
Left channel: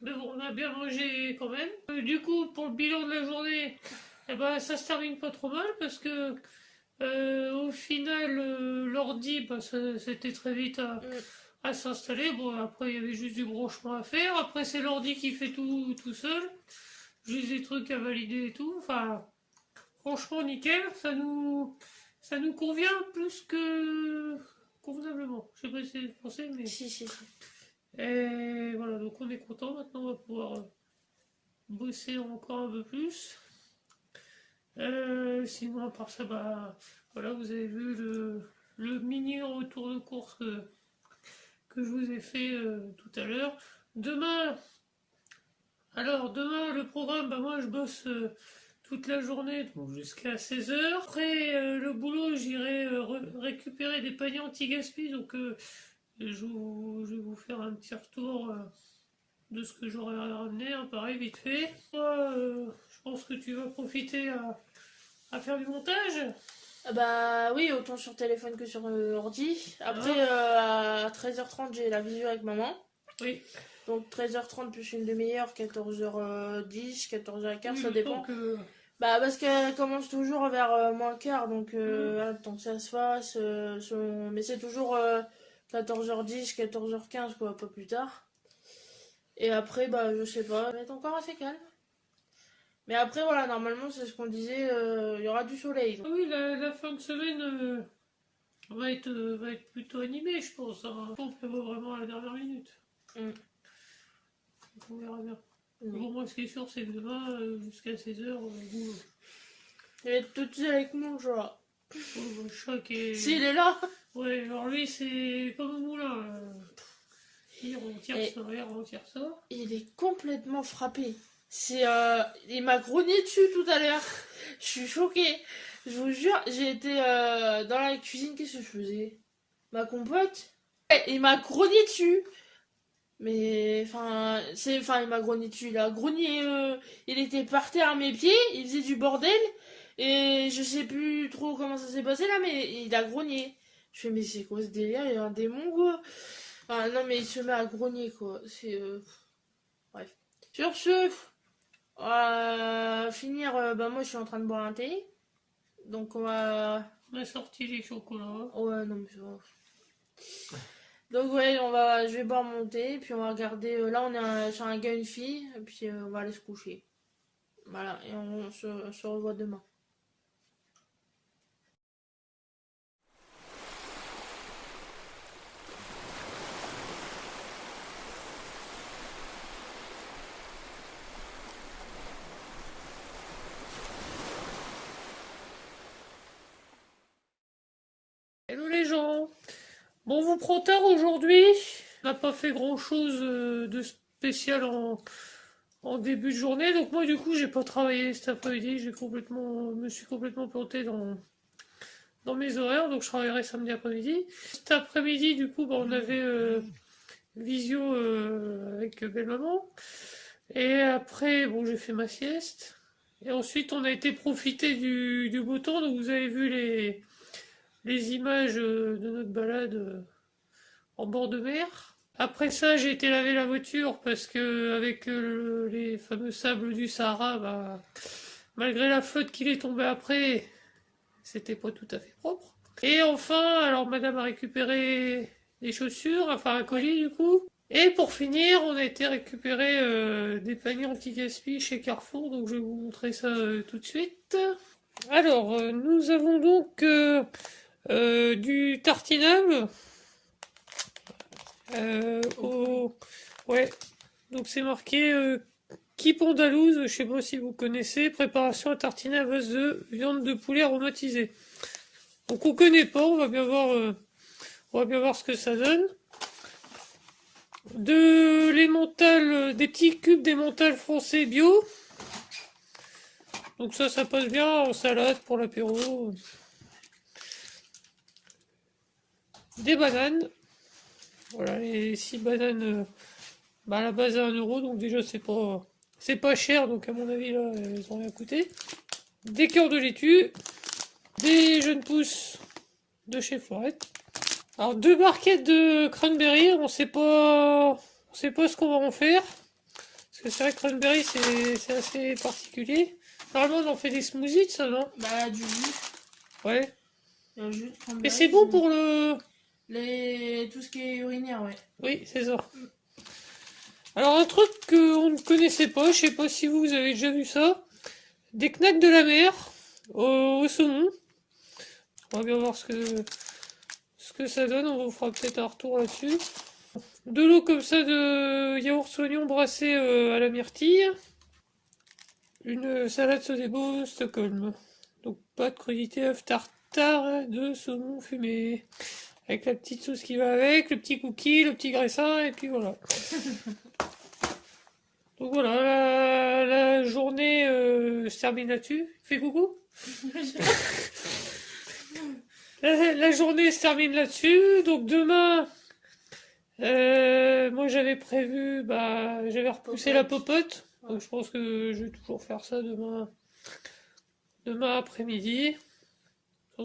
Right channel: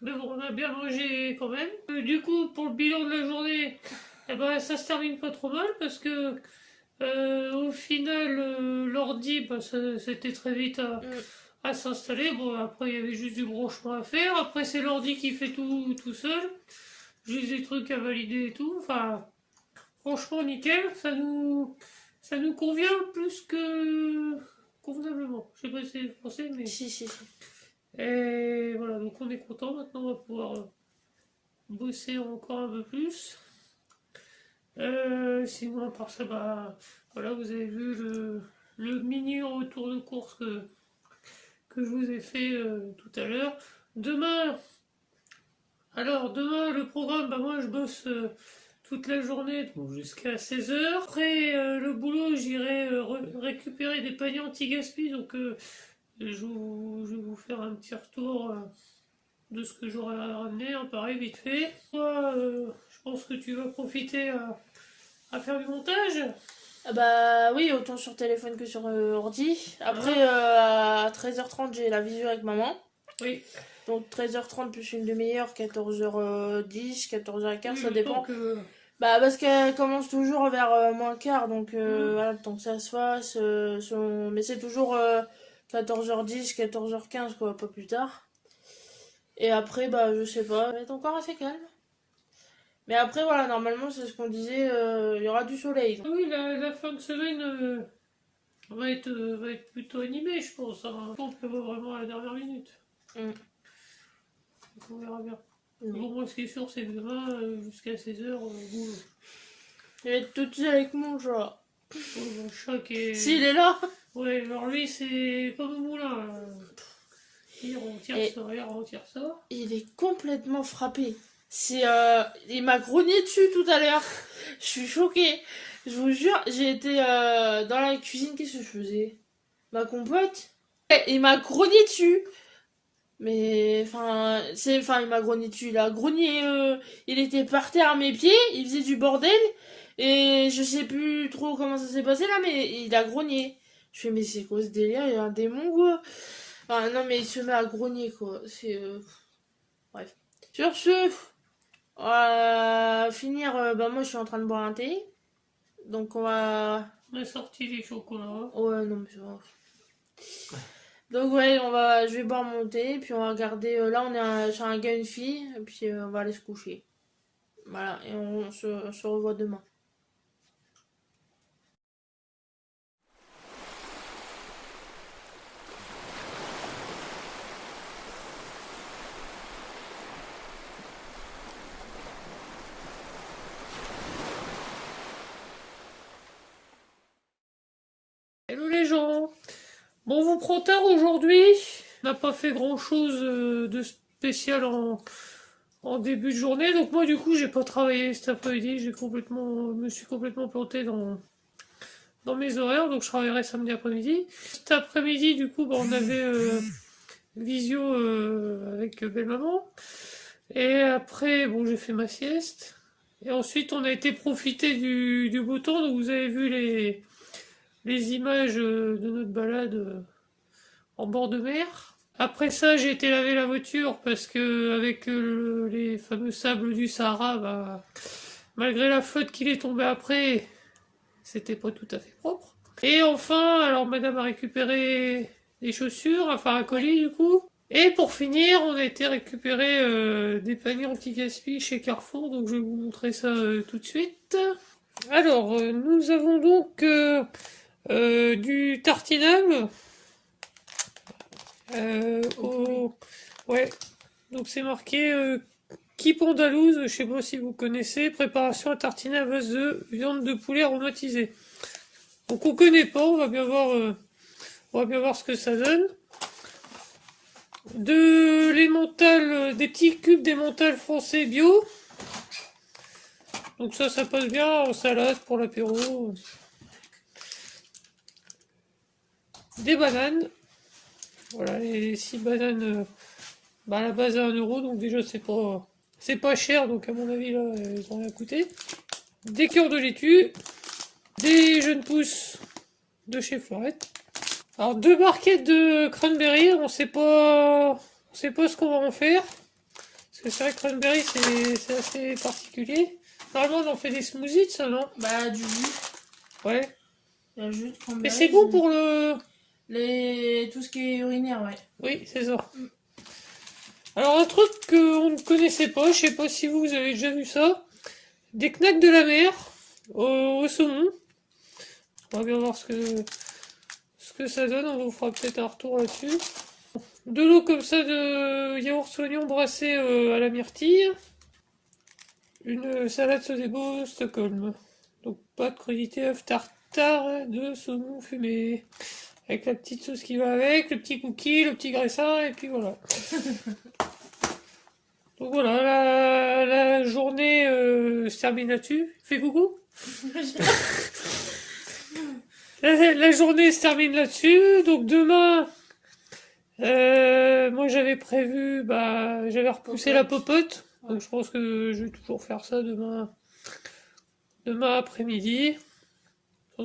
Mais bon, on a bien mangé quand même. Du coup, pour le bilan de la journée, eh ben, ça se termine pas trop mal parce que Au final, l'ordi, bah, c'était très vite à s'installer. Bon, après, il y avait juste du branchement à faire. Après, c'est l'ordi qui fait tout seul. Juste des trucs à valider et tout. Enfin, franchement, nickel. Ça nous convient plus que convenablement. Je sais pas si c'est français, mais... Si. Et voilà, donc on est content. Maintenant, on va pouvoir bosser encore un peu plus. Sinon, à part ça, bah, voilà, vous avez vu le mini retour de course que je vous ai fait tout à l'heure. Demain, le programme, bah, moi je bosse toute la journée, donc jusqu'à 16h. Après le boulot, j'irai récupérer des paniers anti-gaspi, donc je vais vous faire un petit retour de ce que j'aurais ramené, hein, pareil, vite fait. Toi, je pense que tu vas profiter à faire du montage. Ah bah oui, autant sur téléphone que sur ordi. Après, à 13h30, j'ai la visio avec maman. Oui. Donc 13h30 plus une demi-heure, 14h10, 14h15, ça dépend. Que... Bah parce qu'elle commence toujours vers moins le quart, donc voilà, le temps que ça se fasse. Mais c'est toujours 14h10, 14h15, quoi, pas plus tard. Et après, bah je sais pas, ça va être encore assez calme. Mais après, voilà, normalement, c'est ce qu'on disait, il y aura du soleil. Ah oui, la fin de semaine va être plutôt animée, je pense. Hein. On prévoit vraiment à la dernière minute. Donc on verra bien. Bon, moi, ce qui est sûr, c'est que demain, jusqu'à 16h, boulot. Je vais être toute seule avec mon chat. Le chat qui est... S'il est là. Ouais, alors lui, c'est pas mon moulin. Il retire ça. Il est complètement frappé. Il m'a grogné dessus tout à l'heure. Je suis choquée. Je vous jure, j'ai été dans la cuisine. Qu'est-ce que je faisais? Ma compote. Il m'a grogné dessus. Mais il m'a grogné dessus. Il a grogné. Il était par terre à mes pieds. Il faisait du bordel. Et je sais plus trop comment ça s'est passé là, mais il a grogné. Je fais, mais c'est quoi ce délire? Il y a un démon, quoi. Enfin, non, mais il se met à grogner, quoi. C'est. Bref. Sur ce. On va finir, bah moi je suis en train de boire un thé, donc on va... On a sorti les chocolats. Ouais, non mais c'est vrai. Donc ouais, je vais boire mon thé, puis on va regarder, là on est sur un gars et une fille, et puis on va aller se coucher. Voilà, et on se revoit demain. Hello les gens. Bon, on vous prend tard aujourd'hui. On n'a pas fait grand chose de spécial en début de journée. Donc moi du coup j'ai pas travaillé cet après-midi. Me suis complètement planté dans mes horaires. Donc je travaillerai samedi après-midi. Cet après-midi du coup on avait visio avec belle-maman. Et après bon j'ai fait ma sieste. Et ensuite on a été profiter du beau temps. Donc vous avez vu les images de notre balade en bord de mer. Après ça, j'ai été laver la voiture parce que avec les fameux sables du Sahara, bah, malgré la flotte qui est tombée après, c'était pas tout à fait propre. Et enfin, alors madame a récupéré des chaussures, enfin un colis du coup. Et pour finir, on a été récupérer des paniers anti-gaspi chez Carrefour, donc je vais vous montrer ça tout de suite. Alors, nous avons donc du tartinable. Ouais, donc c'est marqué Kip andalouse, je sais pas si vous connaissez, préparation à tartiner à base de viande de poulet aromatisée. Donc on connaît pas, on va bien voir ce que ça donne. Des petits cubes d'emmental français bio. Donc ça passe bien en salade pour l'apéro. Des bananes. Voilà, les 6 bananes à la base à 1 euro, donc déjà c'est pas cher, donc à mon avis là ils ont rien coûté. Des cœurs de laitue, des jeunes pousses de chez Florette. Alors 2 barquettes de cranberry, on sait pas ce qu'on va en faire. Parce que c'est vrai que cranberry c'est assez particulier. Normalement on en fait des smoothies ça non? Bah du jus. Ouais. Il y a jus de Mais cranberry. c'est bon pour le... Tout ce qui est urinaire, ouais. Oui, c'est ça. Alors un truc qu'on ne connaissait pas, je sais pas si vous avez déjà vu ça, des knacks de la mer au saumon. On va bien voir ce que ça donne, on vous fera peut-être un retour là-dessus. De l'eau comme ça de yaourt oignon brassé à la myrtille. Une salade Sodebo Stockholm. Donc pâte crudité, œuf tartare de saumon fumé. Avec la petite sauce qui va avec, le petit cookie, le petit graissin, et puis voilà. Donc voilà, la journée se termine là-dessus. Fais coucou. La journée se termine là-dessus. Donc demain, moi j'avais prévu, j'avais repoussé la popote. Donc je pense que je vais toujours faire ça demain après-midi.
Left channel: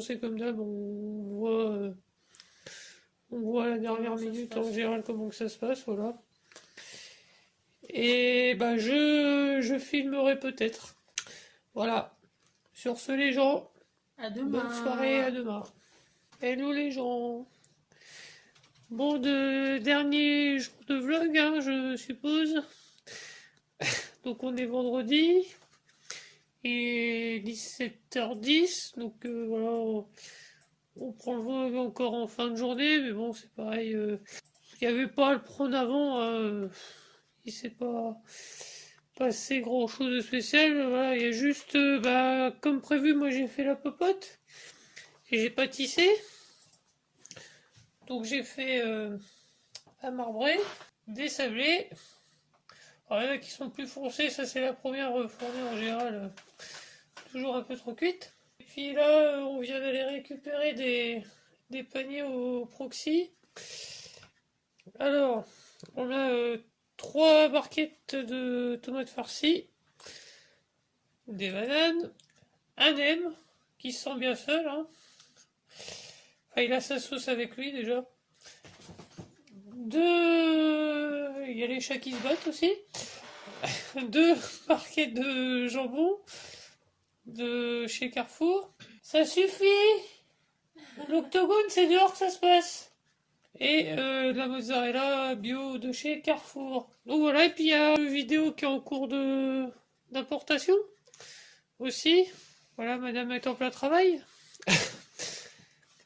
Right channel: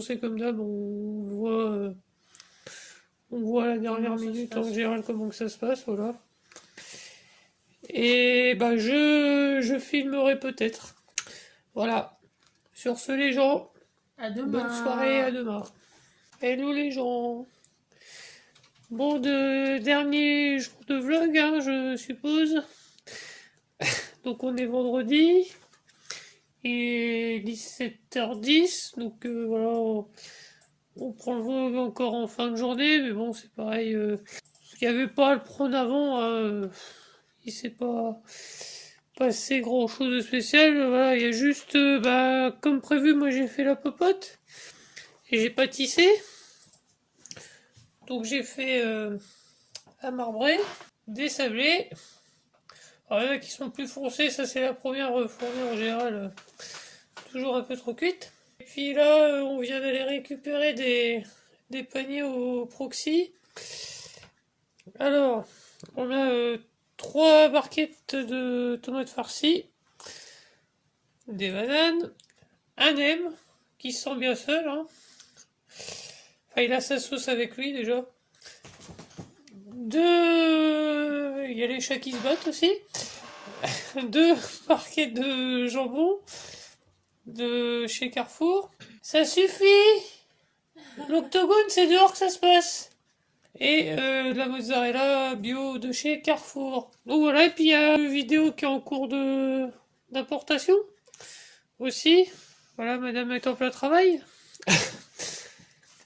C'est comme d'hab, on voit à la dernière minute en général comment que ça se passe, voilà. Et je filmerai peut-être. Voilà. Sur ce les gens, À demain. bonne soirée, à demain. Hello les gens. Bon, dernier jour de vlog, hein, je suppose. Donc on est vendredi. Et 17h10. Donc voilà, on prend le vlog encore en fin de journée. Mais bon, c'est pareil. Il n'y avait pas à le prendre avant. Hein, il s'est pas passé grand chose de spécial. Voilà, il y a juste, comme prévu, moi j'ai fait la popote. Et j'ai pâtissé. Donc j'ai fait à marbrer, des sablés. Alors, il y en a qui sont plus foncés, ça c'est la première fournée en général, toujours un peu trop cuite. Et puis là, on vient d'aller récupérer des paniers au proxy. Alors, on a 3 barquettes de tomates farcies, des bananes, un M qui se sent bien seul. Hein. Enfin, il a sa sauce avec lui déjà. Il y a les chats qui se battent aussi. 2 barquets de jambon de chez Carrefour. Ça suffit. L'octogone, c'est dehors que ça se passe. Et de la mozzarella bio de chez Carrefour. Donc voilà, et puis il y a une vidéo qui est en cours d'importation aussi. Voilà, madame est en plein travail.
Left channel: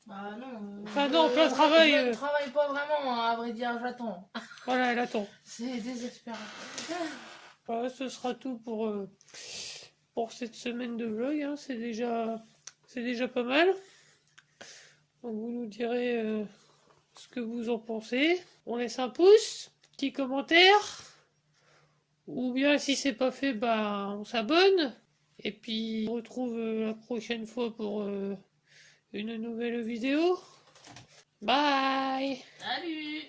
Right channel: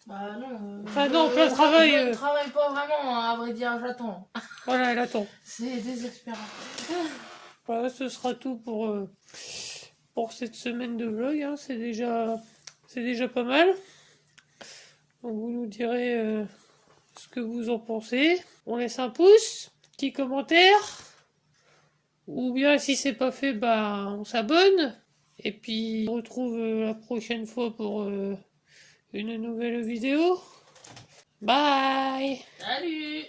Bah non. Ah non, plein travail. Je ne travaille pas vraiment, à vrai dire, j'attends. Voilà, elle attend. C'est désespérant. Voilà, ce sera tout pour cette semaine de vlog. Hein. C'est déjà pas mal. Donc vous nous direz ce que vous en pensez. On laisse un pouce, petit commentaire. Ou bien si c'est pas fait, on s'abonne. Et puis on se retrouve la prochaine fois pour une nouvelle vidéo. Bye! Salut!